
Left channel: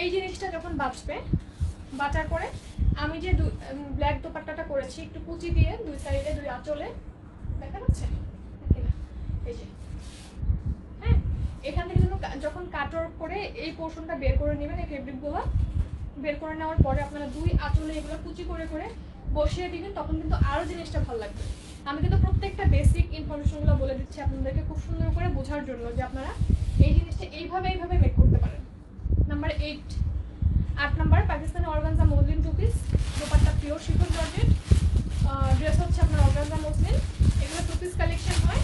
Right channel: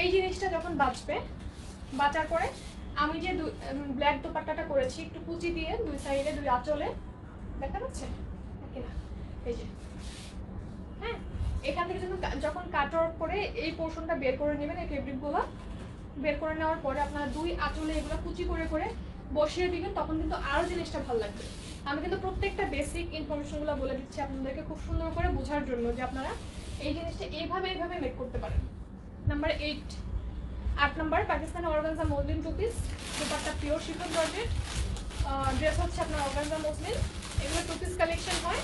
এই জিনিসটা যখন বাঁচবে, বাঁচার পরে আমি যে ব্ল্যাক দোপাট্টাটা করেছি একটু কুচি দিয়ে দুই সাইডে দুই আঁচলে, দেখা যাচ্ছে না, এই যে হ্যাঁ, এখান থেকে যখন কাটওয়ার্ক করে এই পোর্শনটা বের করে নেবেন, এই ফেব্রিকগুলো বের করে নেওয়ার পরে আপনারা দুই আঁচলে এগুলো কুচি করে করে বসিয়ে দিবেন, তখন কিন্তু আরো জিনিসটা ভালো লাগবে। আমি কিন্তু প্রত্যেকটা বেসিক ইনফরমেশনগুলো বলে দিচ্ছি আপনাদেরকে খুব সুন্দর করে বোঝার জন্য, যে আপনারা এই জিনিসটা এইভাবে মেক করতে পারেন। Number 8, 8 number Pakistani organza muslin two piece, dupatta pure chiffon georgette, dress হচ্ছে আপনার অর্গানজা মসলিন, এগুলো টু পিস কালেকশন হয়।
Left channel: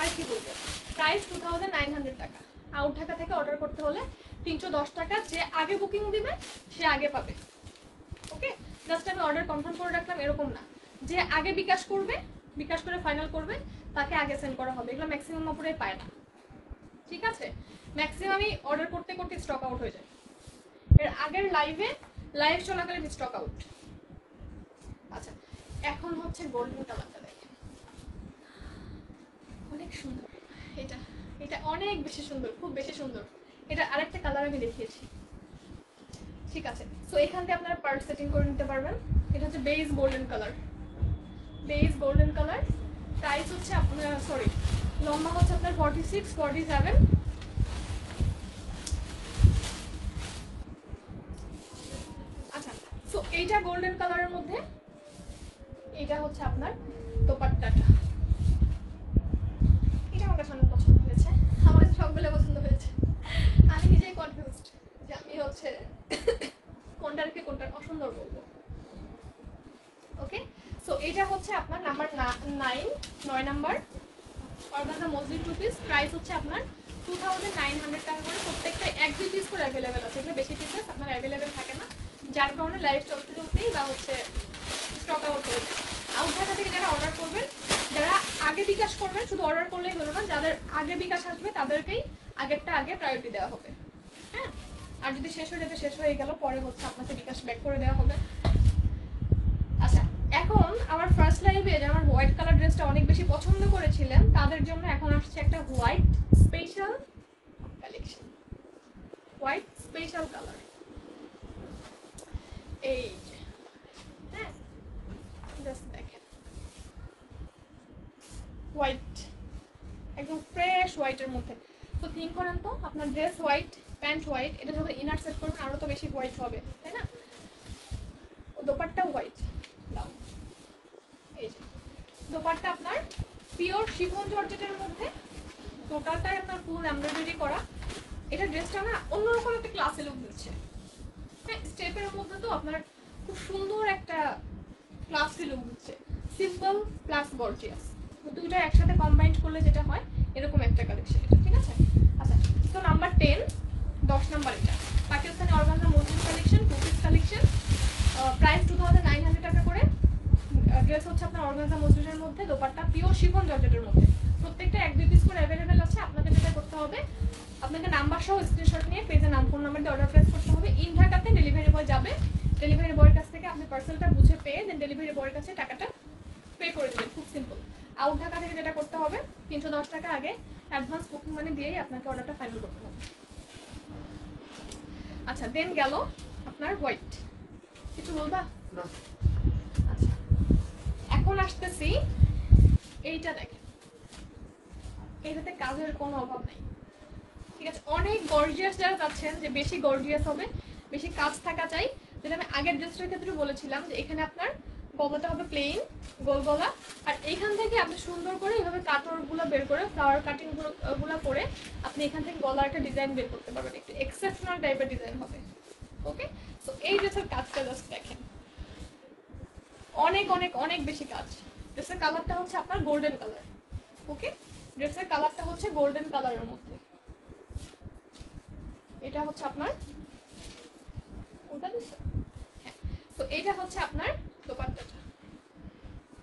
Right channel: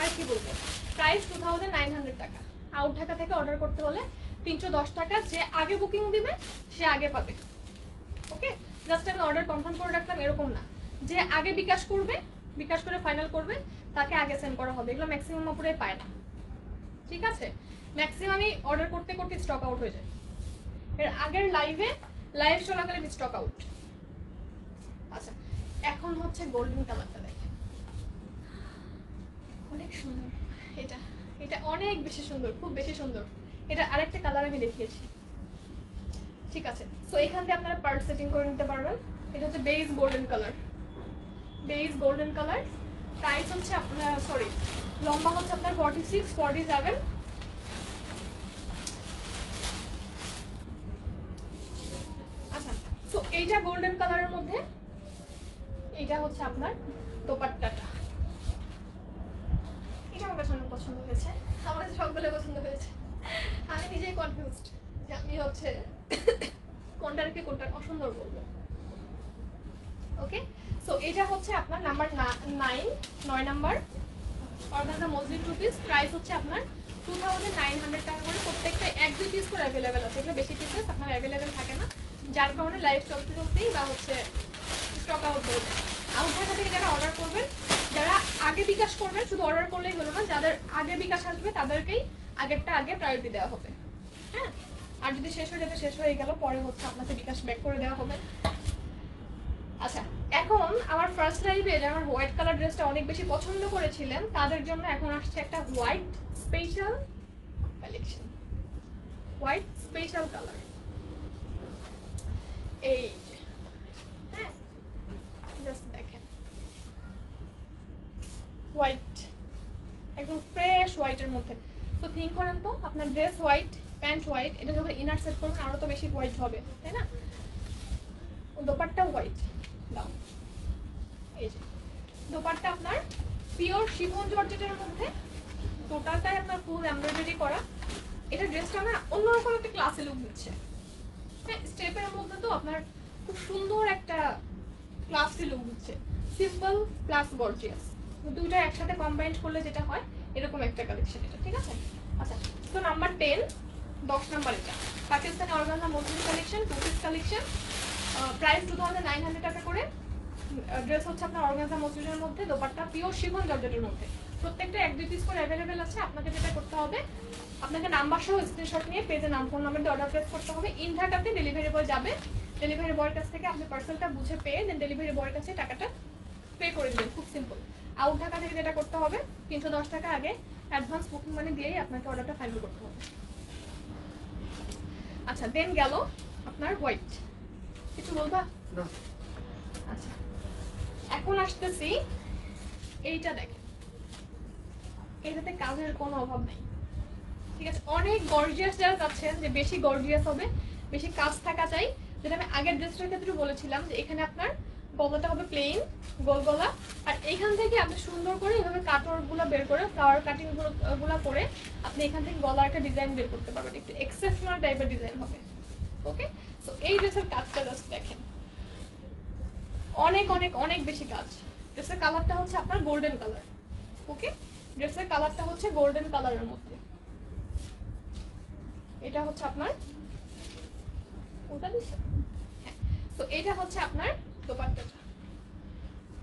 আর কি বলবো, প্রাইস 2900 টাকা। আউট ঢাকা থেকে অর্ডার করতে হলে 310 টাকা, যে আগে বুকিং দিবে সে আগে পাবে। ওকে, জাস্ট আমি অর্ডার কনফার্ম করে রাখলাম এরকম না, যে আগে বিকাশ করবে, বিকাশ করে ফাইনাল করবে তাকে আগে সেন্ড করা হবে, এগুলো ম্যাক্সিমাম উপরে পায় না। ঠিক আছে, ম্যাক্সিমামই অর্ডার করতে করতে স্টক আউট হয়ে যায়। এর আগের লাইভ চলাকালীন স্টক আউট। আচ্ছা, এখন হচ্ছে গোল্ডেন কালারটা দেখেন, অনেক সুন্দর। এটা এটা অনেক বেশি সুন্দর, খুব বেশি সুন্দর। এটা আরেকটা কালার আমি দেখিয়েছি। ঠিক আছে, সো এখান থেকে আপনারা পার্ট সেটিং করে নিতে পারবেন। এটা হচ্ছে beige golden colour, beige golden colour. Price হচ্ছে আপনার, সরি, লম্বা হচ্ছে আপনার 46, 47। আচ্ছা, সো এইটা গোল্ডেন কালারের মধ্যে, এইটা হচ্ছে আপনার দোপাট্টাটা। এটা আমার পছন্দ হয়েছে, আমার কাছে সবগুলো পছন্দ হয়েছে। আমি নিজেই কনফিউজড যে আমি হচ্ছে কোনটাকে কোনটা অসুন্দর বলবো। ওকে, সো এটা হচ্ছে আপনার number 9 number organza muslin two piece. Price হচ্ছে আপনার 2900 টাকা করে। প্রত্যেকটা 1-2 পিস করে অ্যাভেলেবেল আছে, এগুলো বেশি পিসেস আপনার অ্যাভেলেবেল থাকে না, যার কারণে লাইভ চলতে চলতেই বা হচ্ছে স্টক আউট হয়ে যায়। আউট ঢাকা থেকে যারা অর্ডার করবেন, যারা আগে বিকাশ করবেন, শুধু অর্ডার করলেই হলো না, যাদের আগে বিকাশ আসবে তাদেরকেই আগেরটা আগে প্রায়োরিটি দেওয়া হবে। হ্যাঁ, আর যদি শেষ হয়ে যেতে শেষ হয়ে গেল, পরে হচ্ছে আপনাকে বিকাশ ব্যাক করে দেওয়া হবে। আচ্ছা, এখন আমার ফার্স্ট লাইভে যারা আমার হোয়াইট কালার ড্রেসটা অনেক বেশি পছন্দ করেছিলেন, তাদের জন্য এখন আসছে একটা white special collection, white special colour. এই হ্যাঁ, জাস্ট দেখেন, হোয়াইট, একদম ফ্রেশ হোয়াইটের মধ্যে। তো থিঙ্ক করেন তো, আপনার ড্রেস হোয়াইট, প্যান্ট হোয়াইট, এটা যখন ইনার সেট করবেন আরো তো বেশি হোয়াইট হবে, তাই না? দোপাট্টা হোয়াইট দাও, এই যে দোপাট্টা আপনার পিওর শিফন জর্জেটের মধ্যে, টোটালটাই আপনার ফুল এমব্রয়ডারি করা। এটা ড্রেসটা আমার অন্যরকম একটা ক্লাসে লুক দিচ্ছে। হ্যাঁ, স্টেপের মধ্যে তো আপনার খুব সুন্দর একটা ক্লাসি লুক দিচ্ছে, সিম্পল প্লাস গর্জিয়াস, দুইটা একসাথে কম্বাইন্ড করলে যেটা হয় এরকম একটা কালেকশন এটা। ঠিক আছে, আচ্ছা, তো নাম্বার 10 নাম্বার, এটা Pakistani organza muslin collection, two piece collection. Price 2900 টাকা করে। ড্রেস হচ্ছে আপনার অর্গানজা মসলিনের মধ্যে, দোপাট্টা পিওর শিফন জর্জেটের মধ্যে। প্রত্যেকটা 1-2 পিস করে অ্যাভেলেবেল আছে। আপনাকে যেটা করতে হবে, আপনাকে নাম্বার সহ স্ক্রিনশট নিয়ে পেজে নাম ফোন নাম্বার দিয়ে অর্ডার প্লেস করতে হবে। ইন ঢাকাতে ডেলিভারি বয় যাবে, ডেলিভারি বয়ের কাছ থেকে আপনি পার্সেলটা বুঝে পেয়ে দেন ডেলিভারি বয়ের কাছে টাকাটা পে করে দেবেন, খুব সিম্পল। আউট ঢাকা থেকে যেটা করতে হবে, 310 টাকা আগে অ্যাডভান্স বুকিং মানি দিয়েই আপনাকে অর্ডারটা ফাইনাল করতে হবে। আচ্ছা, দেন গেল আপনার হোয়াইট, কিছু বলবা? আচ্ছা, এখন আসতেছি এইটা দেখেন, এইটাতে কাজের কোনো অভাব নাই। ঠিক আছে, অনেক গর্জিয়াস যারা চাচ্ছেন যে বেশি গর্জিয়াস হবে, বেশি কাজ থাকা চাই, যেটা আমি আগের ড্রেসটার ক্ষেত্রে বলেছিলাম যে এখানে আপনার গলাটা হবে প্লেন গোল গলা, আর এইখান থেকে আপনি সুন্দর করে এইভাবে কাটওয়ার্ক গুলো বের করে, ফ্লাওয়ার কাটিং গুলো করে আপনি এখান থেকে গলার একটা ডিজাইন বের করতে পারবেন, একটু এক্সেপশনাল টাইপের ডিজাইন হবে। ওকে, তো এই ড্রেসের কাজটা জাস্ট দেখেন, অনেক অনেক অনেক বেশি কাজ। ড্রেসের কালারটা হচ্ছে আপনার গোল্ডেন কালার। ওকে, ড্রেসের কালারটা হচ্ছে গোল্ডেন কালারের মধ্যে। এটা হচ্ছে আপনার ওটা দিচ্ছে, হ্যাঁ, তো এটা হচ্ছে আপনার দোপাট্টাটা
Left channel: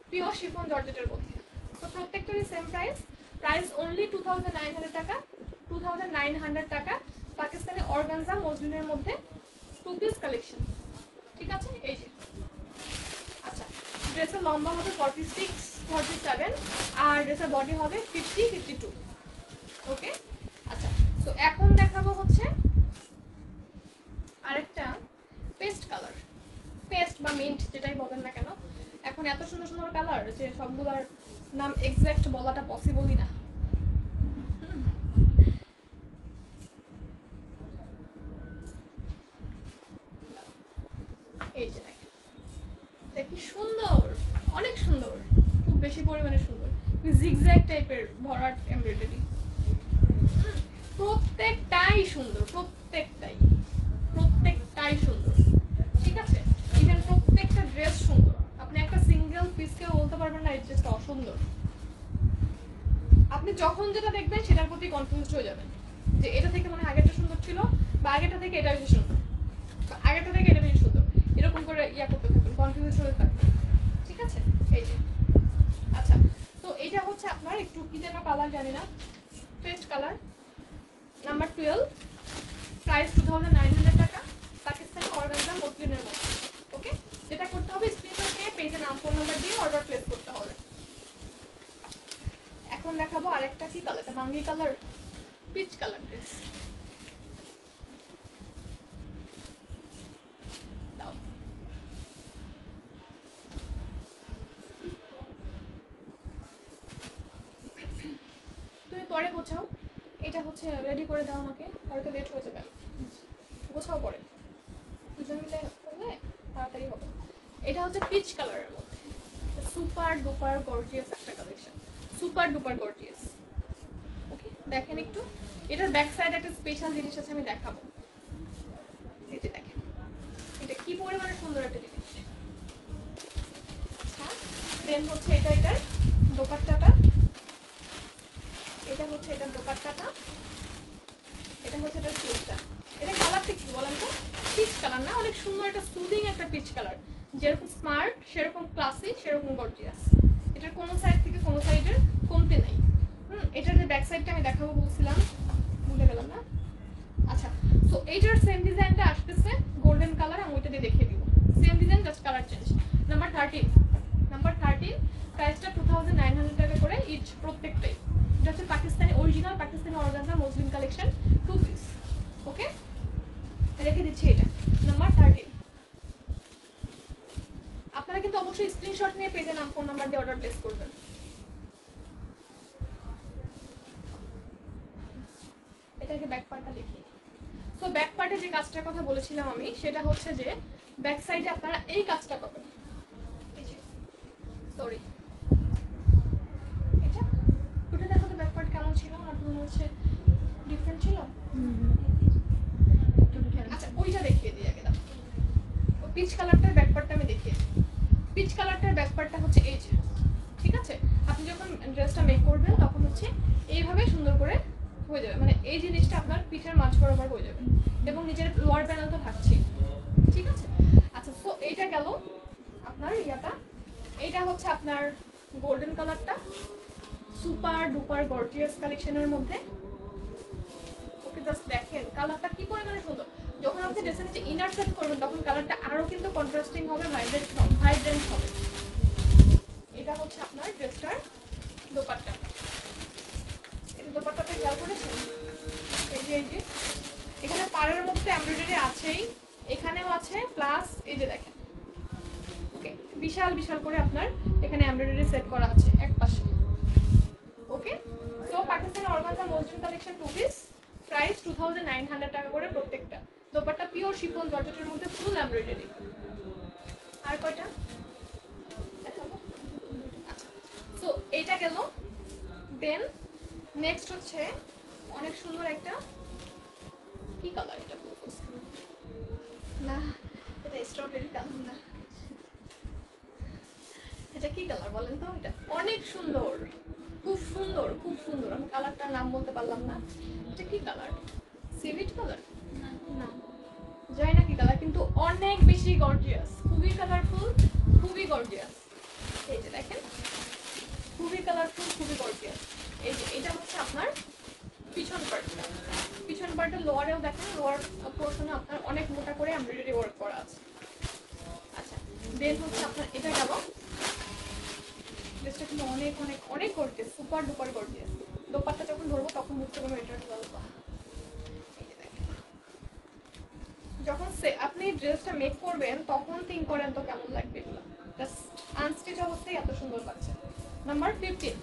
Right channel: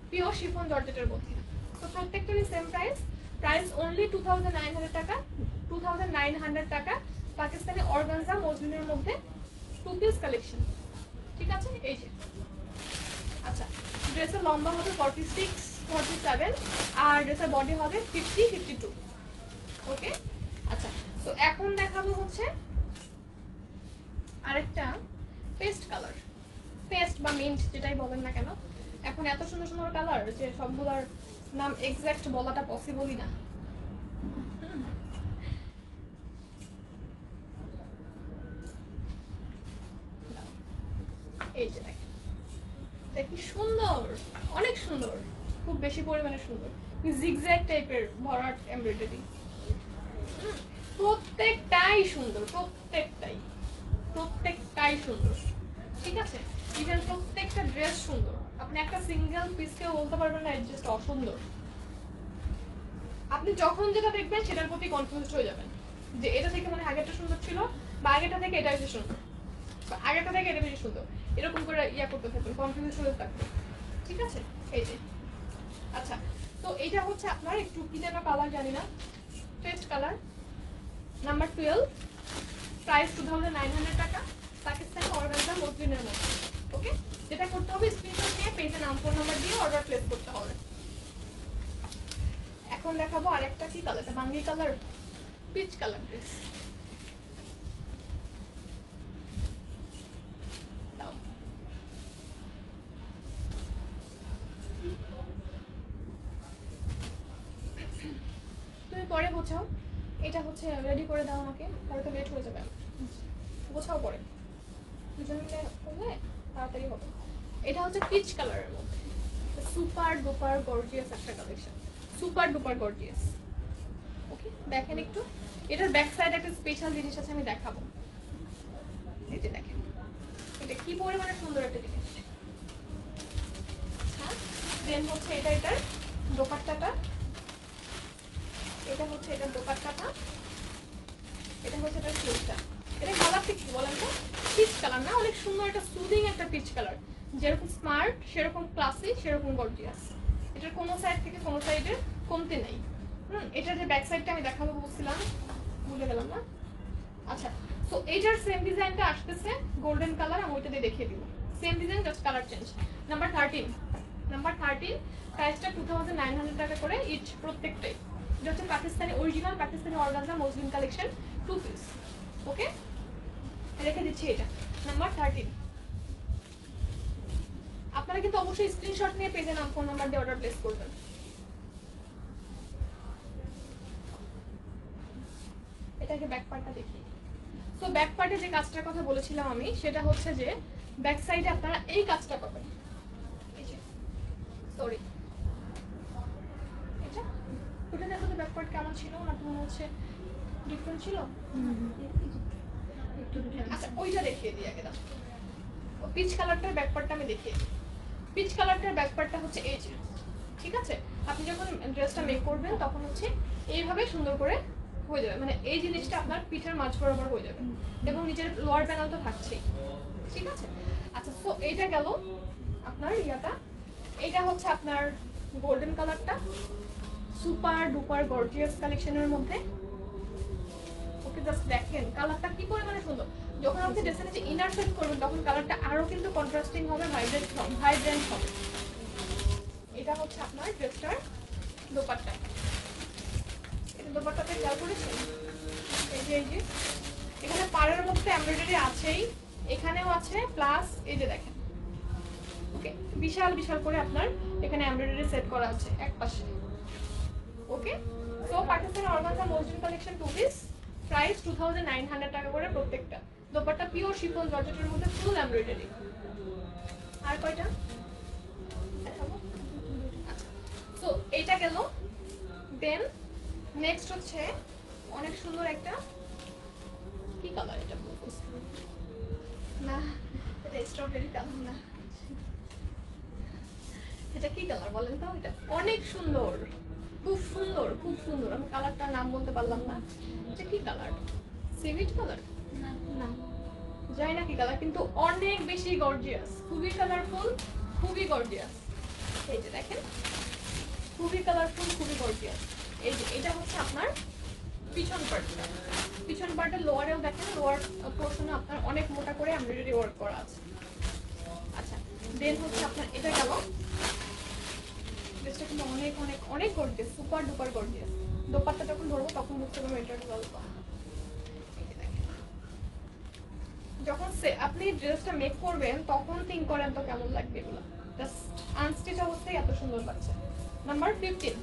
পিওর শিফন জর্জেটের মধ্যে। তো প্রত্যেকটারই সেম প্রাইস, প্রাইস অনলি 2900 টাকা। 2900 টাকা পাকিস্তানি অর্গানজা মসলিনের মধ্যে টু পিস কালেকশন। ঠিক আছে, এই যে। আচ্ছা, ড্রেসের লম্বা হবে 46 47 আর ড্রেসের বডি হবে 50 52। ওকে, আচ্ছা তো এখন দেখাবো হচ্ছে আরেকটা পেস্ট কালার, পেস্ট বা মিন্ট যেটাই বলেন না কেন। এখন এত সুন্দর সুন্দর কালার যে সবগুলোর নাম এক্সাক্ট বলাটা পসিবলই না। এই যে দেখেন, কি সুন্দর, অনেক সুন্দর, খুব বেশি পরিমাণে সুন্দর, জিগজ্যাগ টাইপের ভরাট এমব্রয়ডারি। প্রত্যেকটাই সুন্দর, প্রত্যেকটাই সুন্দর, ঠিক আছে। ইভেন প্রত্যেকটা ড্রেস সুন্দর, আপনি একটা সিঙ্গেল পিসকে বলতে পারবেন না এই ড্রেসটা অসুন্দর। আপনি যখন যেটা দেখবেন সেটার প্রতি কনফিউজ হয়ে যাবেন যে এটা থেকে মানে আগেরটা সুন্দর ছিল, বা আগেরটা থেকে এটা বেশি সুন্দর, বা আগেরটা থেকে এটা বেশি সুন্দর, এরকম করে ইয়া করতে থাকবেন, কনফিউজ হয়ে থাকবেন, ঠিক আছে। এই যে আচ্ছা, তো এইটা হচ্ছে আপনার একটু কি যেন কালার জানি না, পেস্ট কালার, নাম্বার 12, প্রাইস 2900 টাকা, পাকিস্তানি অর্গানজা মসলিনের মধ্যে। ওকে, যেটা করতে হবে স্ক্রিনশট দিয়ে পেজে নাম ফোন নাম্বার দিয়ে অর্ডার প্লেস করতে হবে। এখন দেখাবো আরেকটা কি কালার, বাঙ্গি কালার, পিচ কালার ড্রেস। তুমি পরে গোছাও, এটা হচ্ছে রেডি করে দাও আমাকে, হয়তো লেট হয়ে যাবে, গোছাও পরে, দুজন মিলে করলে তাড়াতাড়ি হবে। এটা হচ্ছে পিচ কালারের মধ্যে, সুপার ডুপার গর্জিয়াস একটা কালেকশন, সুপার ডুপার গর্জিয়াস। ওকে, দেখেন একটু, এটার ব্যাক সাইড একটা স্পেশাল জিনিস আছে, আমি দেখাবো। এই যে দেখেন, এটা কি পরিমাণে সুন্দর একটা জিনিস। আচ্ছা, দেন হচ্ছে এটার দোপাট্টাটা, এটা হচ্ছে এটার দোপাট্টাটা, এটা হচ্ছে এটার স্লিভটা। এটা কালারটা কি বলেন তো? পিচ কালার না, অনেক সুন্দর, একটা সুদিং একটা পিচ কালার, যেরকম স্মার্ট সেরকম ক্লাসি সেরকম গর্জিয়াস। এটার কোনো সাইড থেকে কোনো সাইডের কমতে নাই। এটার যে ব্যাক সাইডটা আমি দেখাবো বলছিলাম, বুঝে গেলাম না। আচ্ছা, তো এইটার সেম ডিজাইনটা আসতেছে গোল্ডেন কালার, আমি ওইটা দিয়ে দেখিয়ে দিব, same design just colour change. Number 13, প্রাইসটা 2900 টাকা করে ইচ প্রত্যেকটাই। এটা হচ্ছে Pakistani original Pakistani organza muslin collection, 2 piece. Okay, রেখে দিচ্ছি এটা নাম্বার 13। আপনারা কিন্তু অবশ্যই স্ক্রিনশট নিয়ে পেজে নাম ফোন নাম্বার দিয়ে অর্ডার প্লেস করবেন। এটাকে ব্যাক পার্টটা দেখি। তো ব্যাক পার্টে যে কাজটার কথা বলেছিলাম আমি, সেটা হচ্ছে যে ব্যাক সাইডে আপনারা এই কাজটা পাবেন। সরি, এটা ওটা দেখো তো ব্যাক পার্ট কেমন ছিল, আমার মনে হচ্ছে ডিফারেন্ট ছিল। আচ্ছা, ওইটা দেখিয়ে দিই আগে, দাও পিচ কালারটার ব্যাক পার্টটা আমি দেখিয়ে দিই। পিচ কালারটার ব্যাক পার্টটা হচ্ছে এই যে, ঠিক আছে। আপনি যখন ড্রেসটা মেক করবেন তখন হচ্ছে এইভাবে সুন্দর করে হয়ে যাবে, মানে এই জিনিসটা আপনার পিঠের মাঝ বরাবর হয়ে যাবে, এবং নিচের লোয়ার প্যানেল তো থাকছে, ঠিক আছে। আচ্ছা, তো এইটা গেল আপনার ইয়াটা। এটা হচ্ছে আপনার গোল্ডেন কালারটা, সুপার ডুপার গর্জিয়াস কালেকশনের মধ্যে। ওকে, জাস্ট দেখেন কালারটা কি পরিমাণে সুন্দর। যখন আপনি ড্রেসের নিচে ইনার সেট করবেন তখন কালারটা আরো কিন্তু কন্ট্রাস্টিং হবে, ভাইব্রেন্ট হবে। এটা হচ্ছে আপনার ড্রেসটার দোপাট্টা। এটা দোপাট্টাতে খেয়াল করেছেন, এই যে এখানে পাড়ের মধ্যে এমব্রয়ডারি আছেই, এখানেও আছে, প্লাস এই যে দেখেন, ওকে, বিশাল বিশাল করে আপনার এখানে এমব্রয়ডারি সেট করা আছে এক পাশে। ওকে, তো Pakistani organza muslin collection 2 piece, price 2900 টাকা করে প্রত্যেকটা। দোপাট্টা পিওর শিফন জর্জেটের মধ্যে ফুল এমব্রয়ডারি। আর কয়টা দেখাবো? আচ্ছা, তো এইটা গেল। দেন নেক্সট হচ্ছে অনেক সুন্দর একটা কি কালার, এটা না, এটা স্ট্রবেরি কালার না, এটা কি কালার বলেন তো? এটা অনেক সুন্দর, খুব সুন্দর, খুব সুন্দর। আমি কালারটার নাম বলতে পারলাম না, এটা কি কালার, সিভিট কালার না, জানি না কি কালার, কিন্তু অনেক বেশি গর্জিয়াস, খুবই কালারফুল, খুবই গর্জিয়াস। এই যে দেখেন, খুবই কালারফুল, খুবই গর্জিয়াস। এই যে এটা হচ্ছে আপনার পিছন পার্টটা, পিছন পার্টের লোয়ারেও দেখেন, লোয়ার পোর্শনে আপনার অনেক মোটা করে এমব্রয়ডারি ওয়ার্ক করা আছে। আচ্ছা, দেন হচ্ছে আপনার এটা গেল। ড্রেসটা কিন্তু অনেক অনেক অনেক gorgeous, super duper gorgeous. Dupatta যখন ধরবো তখন বুঝতে পারবো এটার গল্প। যখন আপনি ড্রেসটা মেক করবেন তখন থিঙ্ক করেন তো কেমন লাগবে এগুলো, জাস্ট আনস্টিচ অবস্থায় এত সুন্দর লাগছে। নাম্বার 15,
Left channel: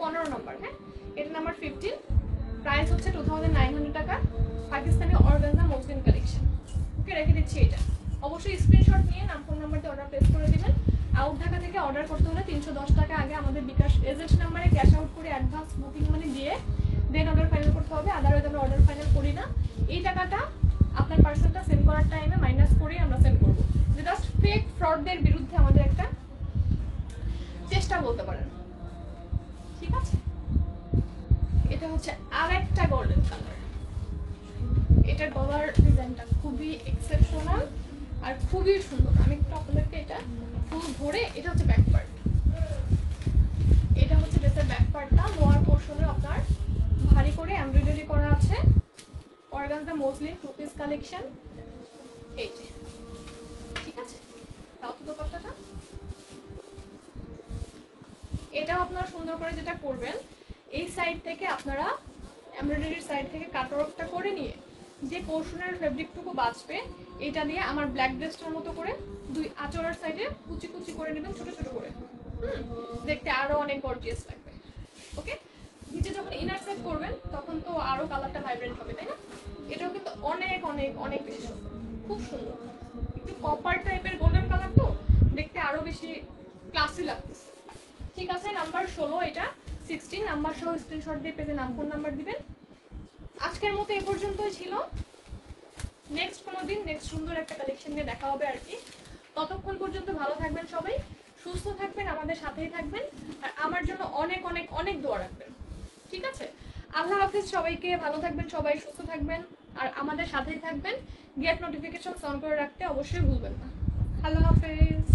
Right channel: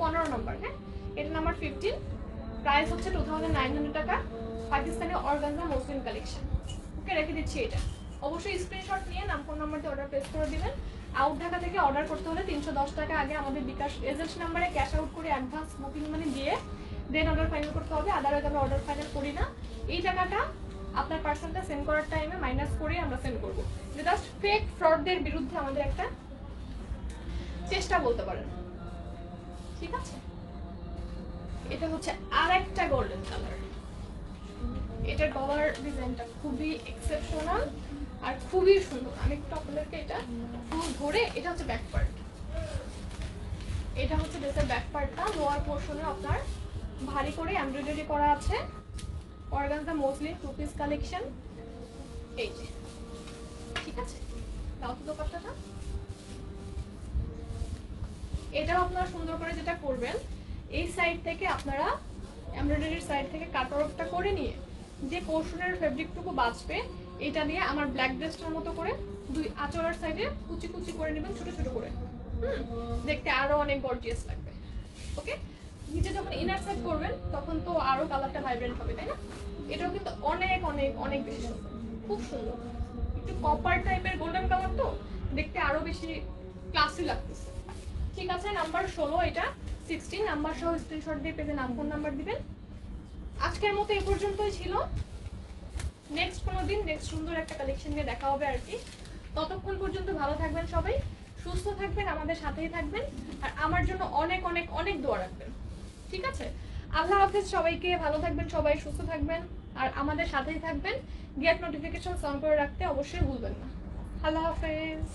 15 নম্বর। হ্যাঁ, এটা নাম্বার 15। প্রাইস হচ্ছে 2900 টাকা, পাকিস্তানি অর্গানজা মসলিন কালেকশন। ওকে, রেখে দিচ্ছি এটা। অবশ্যই স্ক্রিনশট নিয়ে নাম ফোন নাম্বার দিয়ে অর্ডার প্লেস করে দিবেন। আউট ঢাকা থেকে অর্ডার করতে হলে 310 টাকা আগে আমাদের বিকাশ এজেন্ট নাম্বারে ক্যাশ আউট করে অ্যাডভান্স বুকিং মানি দিয়ে দেন অর্ডার ফাইনাল করতে হবে। আদারওয়াইজ আমরা অর্ডার ফাইনাল করি না। এই টাকাটা আপনার পার্সেলটা সেন্ড করার টাইমে মাইনাস করে আমরা সেন্ড করবো। জাস্ট ফেক ফ্রডদের বিরুদ্ধে আমাদের একটা চেষ্টা বলতে পারেন, ঠিক আছে? এটা হচ্ছে আরেকটা গোল্ডেন কালার। এটার গলার ডিজাইনটা খুবই এক্সেপশনাল আর খুবই সুন্দর। আমি একটু আপনাদেরকে এটা ফুল ধরে, এটা হচ্ছে ব্যাক পার্ট, এটা হচ্ছে ড্রেসের ব্যাক পার্টটা। লোয়ার পোর্শনে আপনার ভারী করে এমব্রয়ডারি করা আছে, organza muslin two piece collection. এই যে, ঠিক আছে? তাও তো দোপাট্টাটা এটাও আপনারা সুন্দর করে যেটা করবেন, এই সাইড থেকে আপনারা এমব্রয়ডারির সাইড থেকে কাটওয়ার্কটা করে নিয়ে যে পোর্শনের ফেব্রিকটুকু বাঁচবে এটা নিয়ে আমার ব্ল্যাক ড্রেসটার মতো করে দুই আঁচলের সাইডে কুচি কুচি করে নেবেন, ছোট ছোট করে। দেখতে আরো অনেক গর্জিয়াস লাগবে। ওকে, নিচে যখন ইনার সেট করবেন তখন তো আরো কালারটা ভাইব্রেন্ট হবে, তাই না? এটাও কিন্তু অনেক অনেক অনেক বেশি সুন্দর, খুব সুন্দর। একটু কপার টাইপের গোল্ডেন কালার তো দেখতে আরো বেশি ক্লাসি লাগতেছে। ঠিক আছে, নাম্বার 16, এটা 16 নাম্বার সহ স্ক্রিনশট দিয়ে পেজে নাম ফোন নাম্বার দিবেন। আজকের মতো এই পর্যন্তই ছিল। নেক্সট কোনো দিন নেক্সট সুন্দর একটা কালেকশন নিয়ে দেখা হবে আর কি। ততক্ষণ পর্যন্ত ভালো থাকবেন সবাই, সুস্থ থাকবেন, আমাদের সাথেই থাকবেন, আর আমার জন্য অনেক অনেক অনেক দোয়া রাখবেন, ঠিক আছে? আল্লাহ হাফেজ সবাইকে, ভালো থাকবেন সবাই, সুস্থ থাকবেন, আর আমাদের সাথেই থাকবেন। গেট নোটিফিকেশন অন করে রাখতে অবশ্যই ভুলবেন না। আল্লাহ হাফেজ।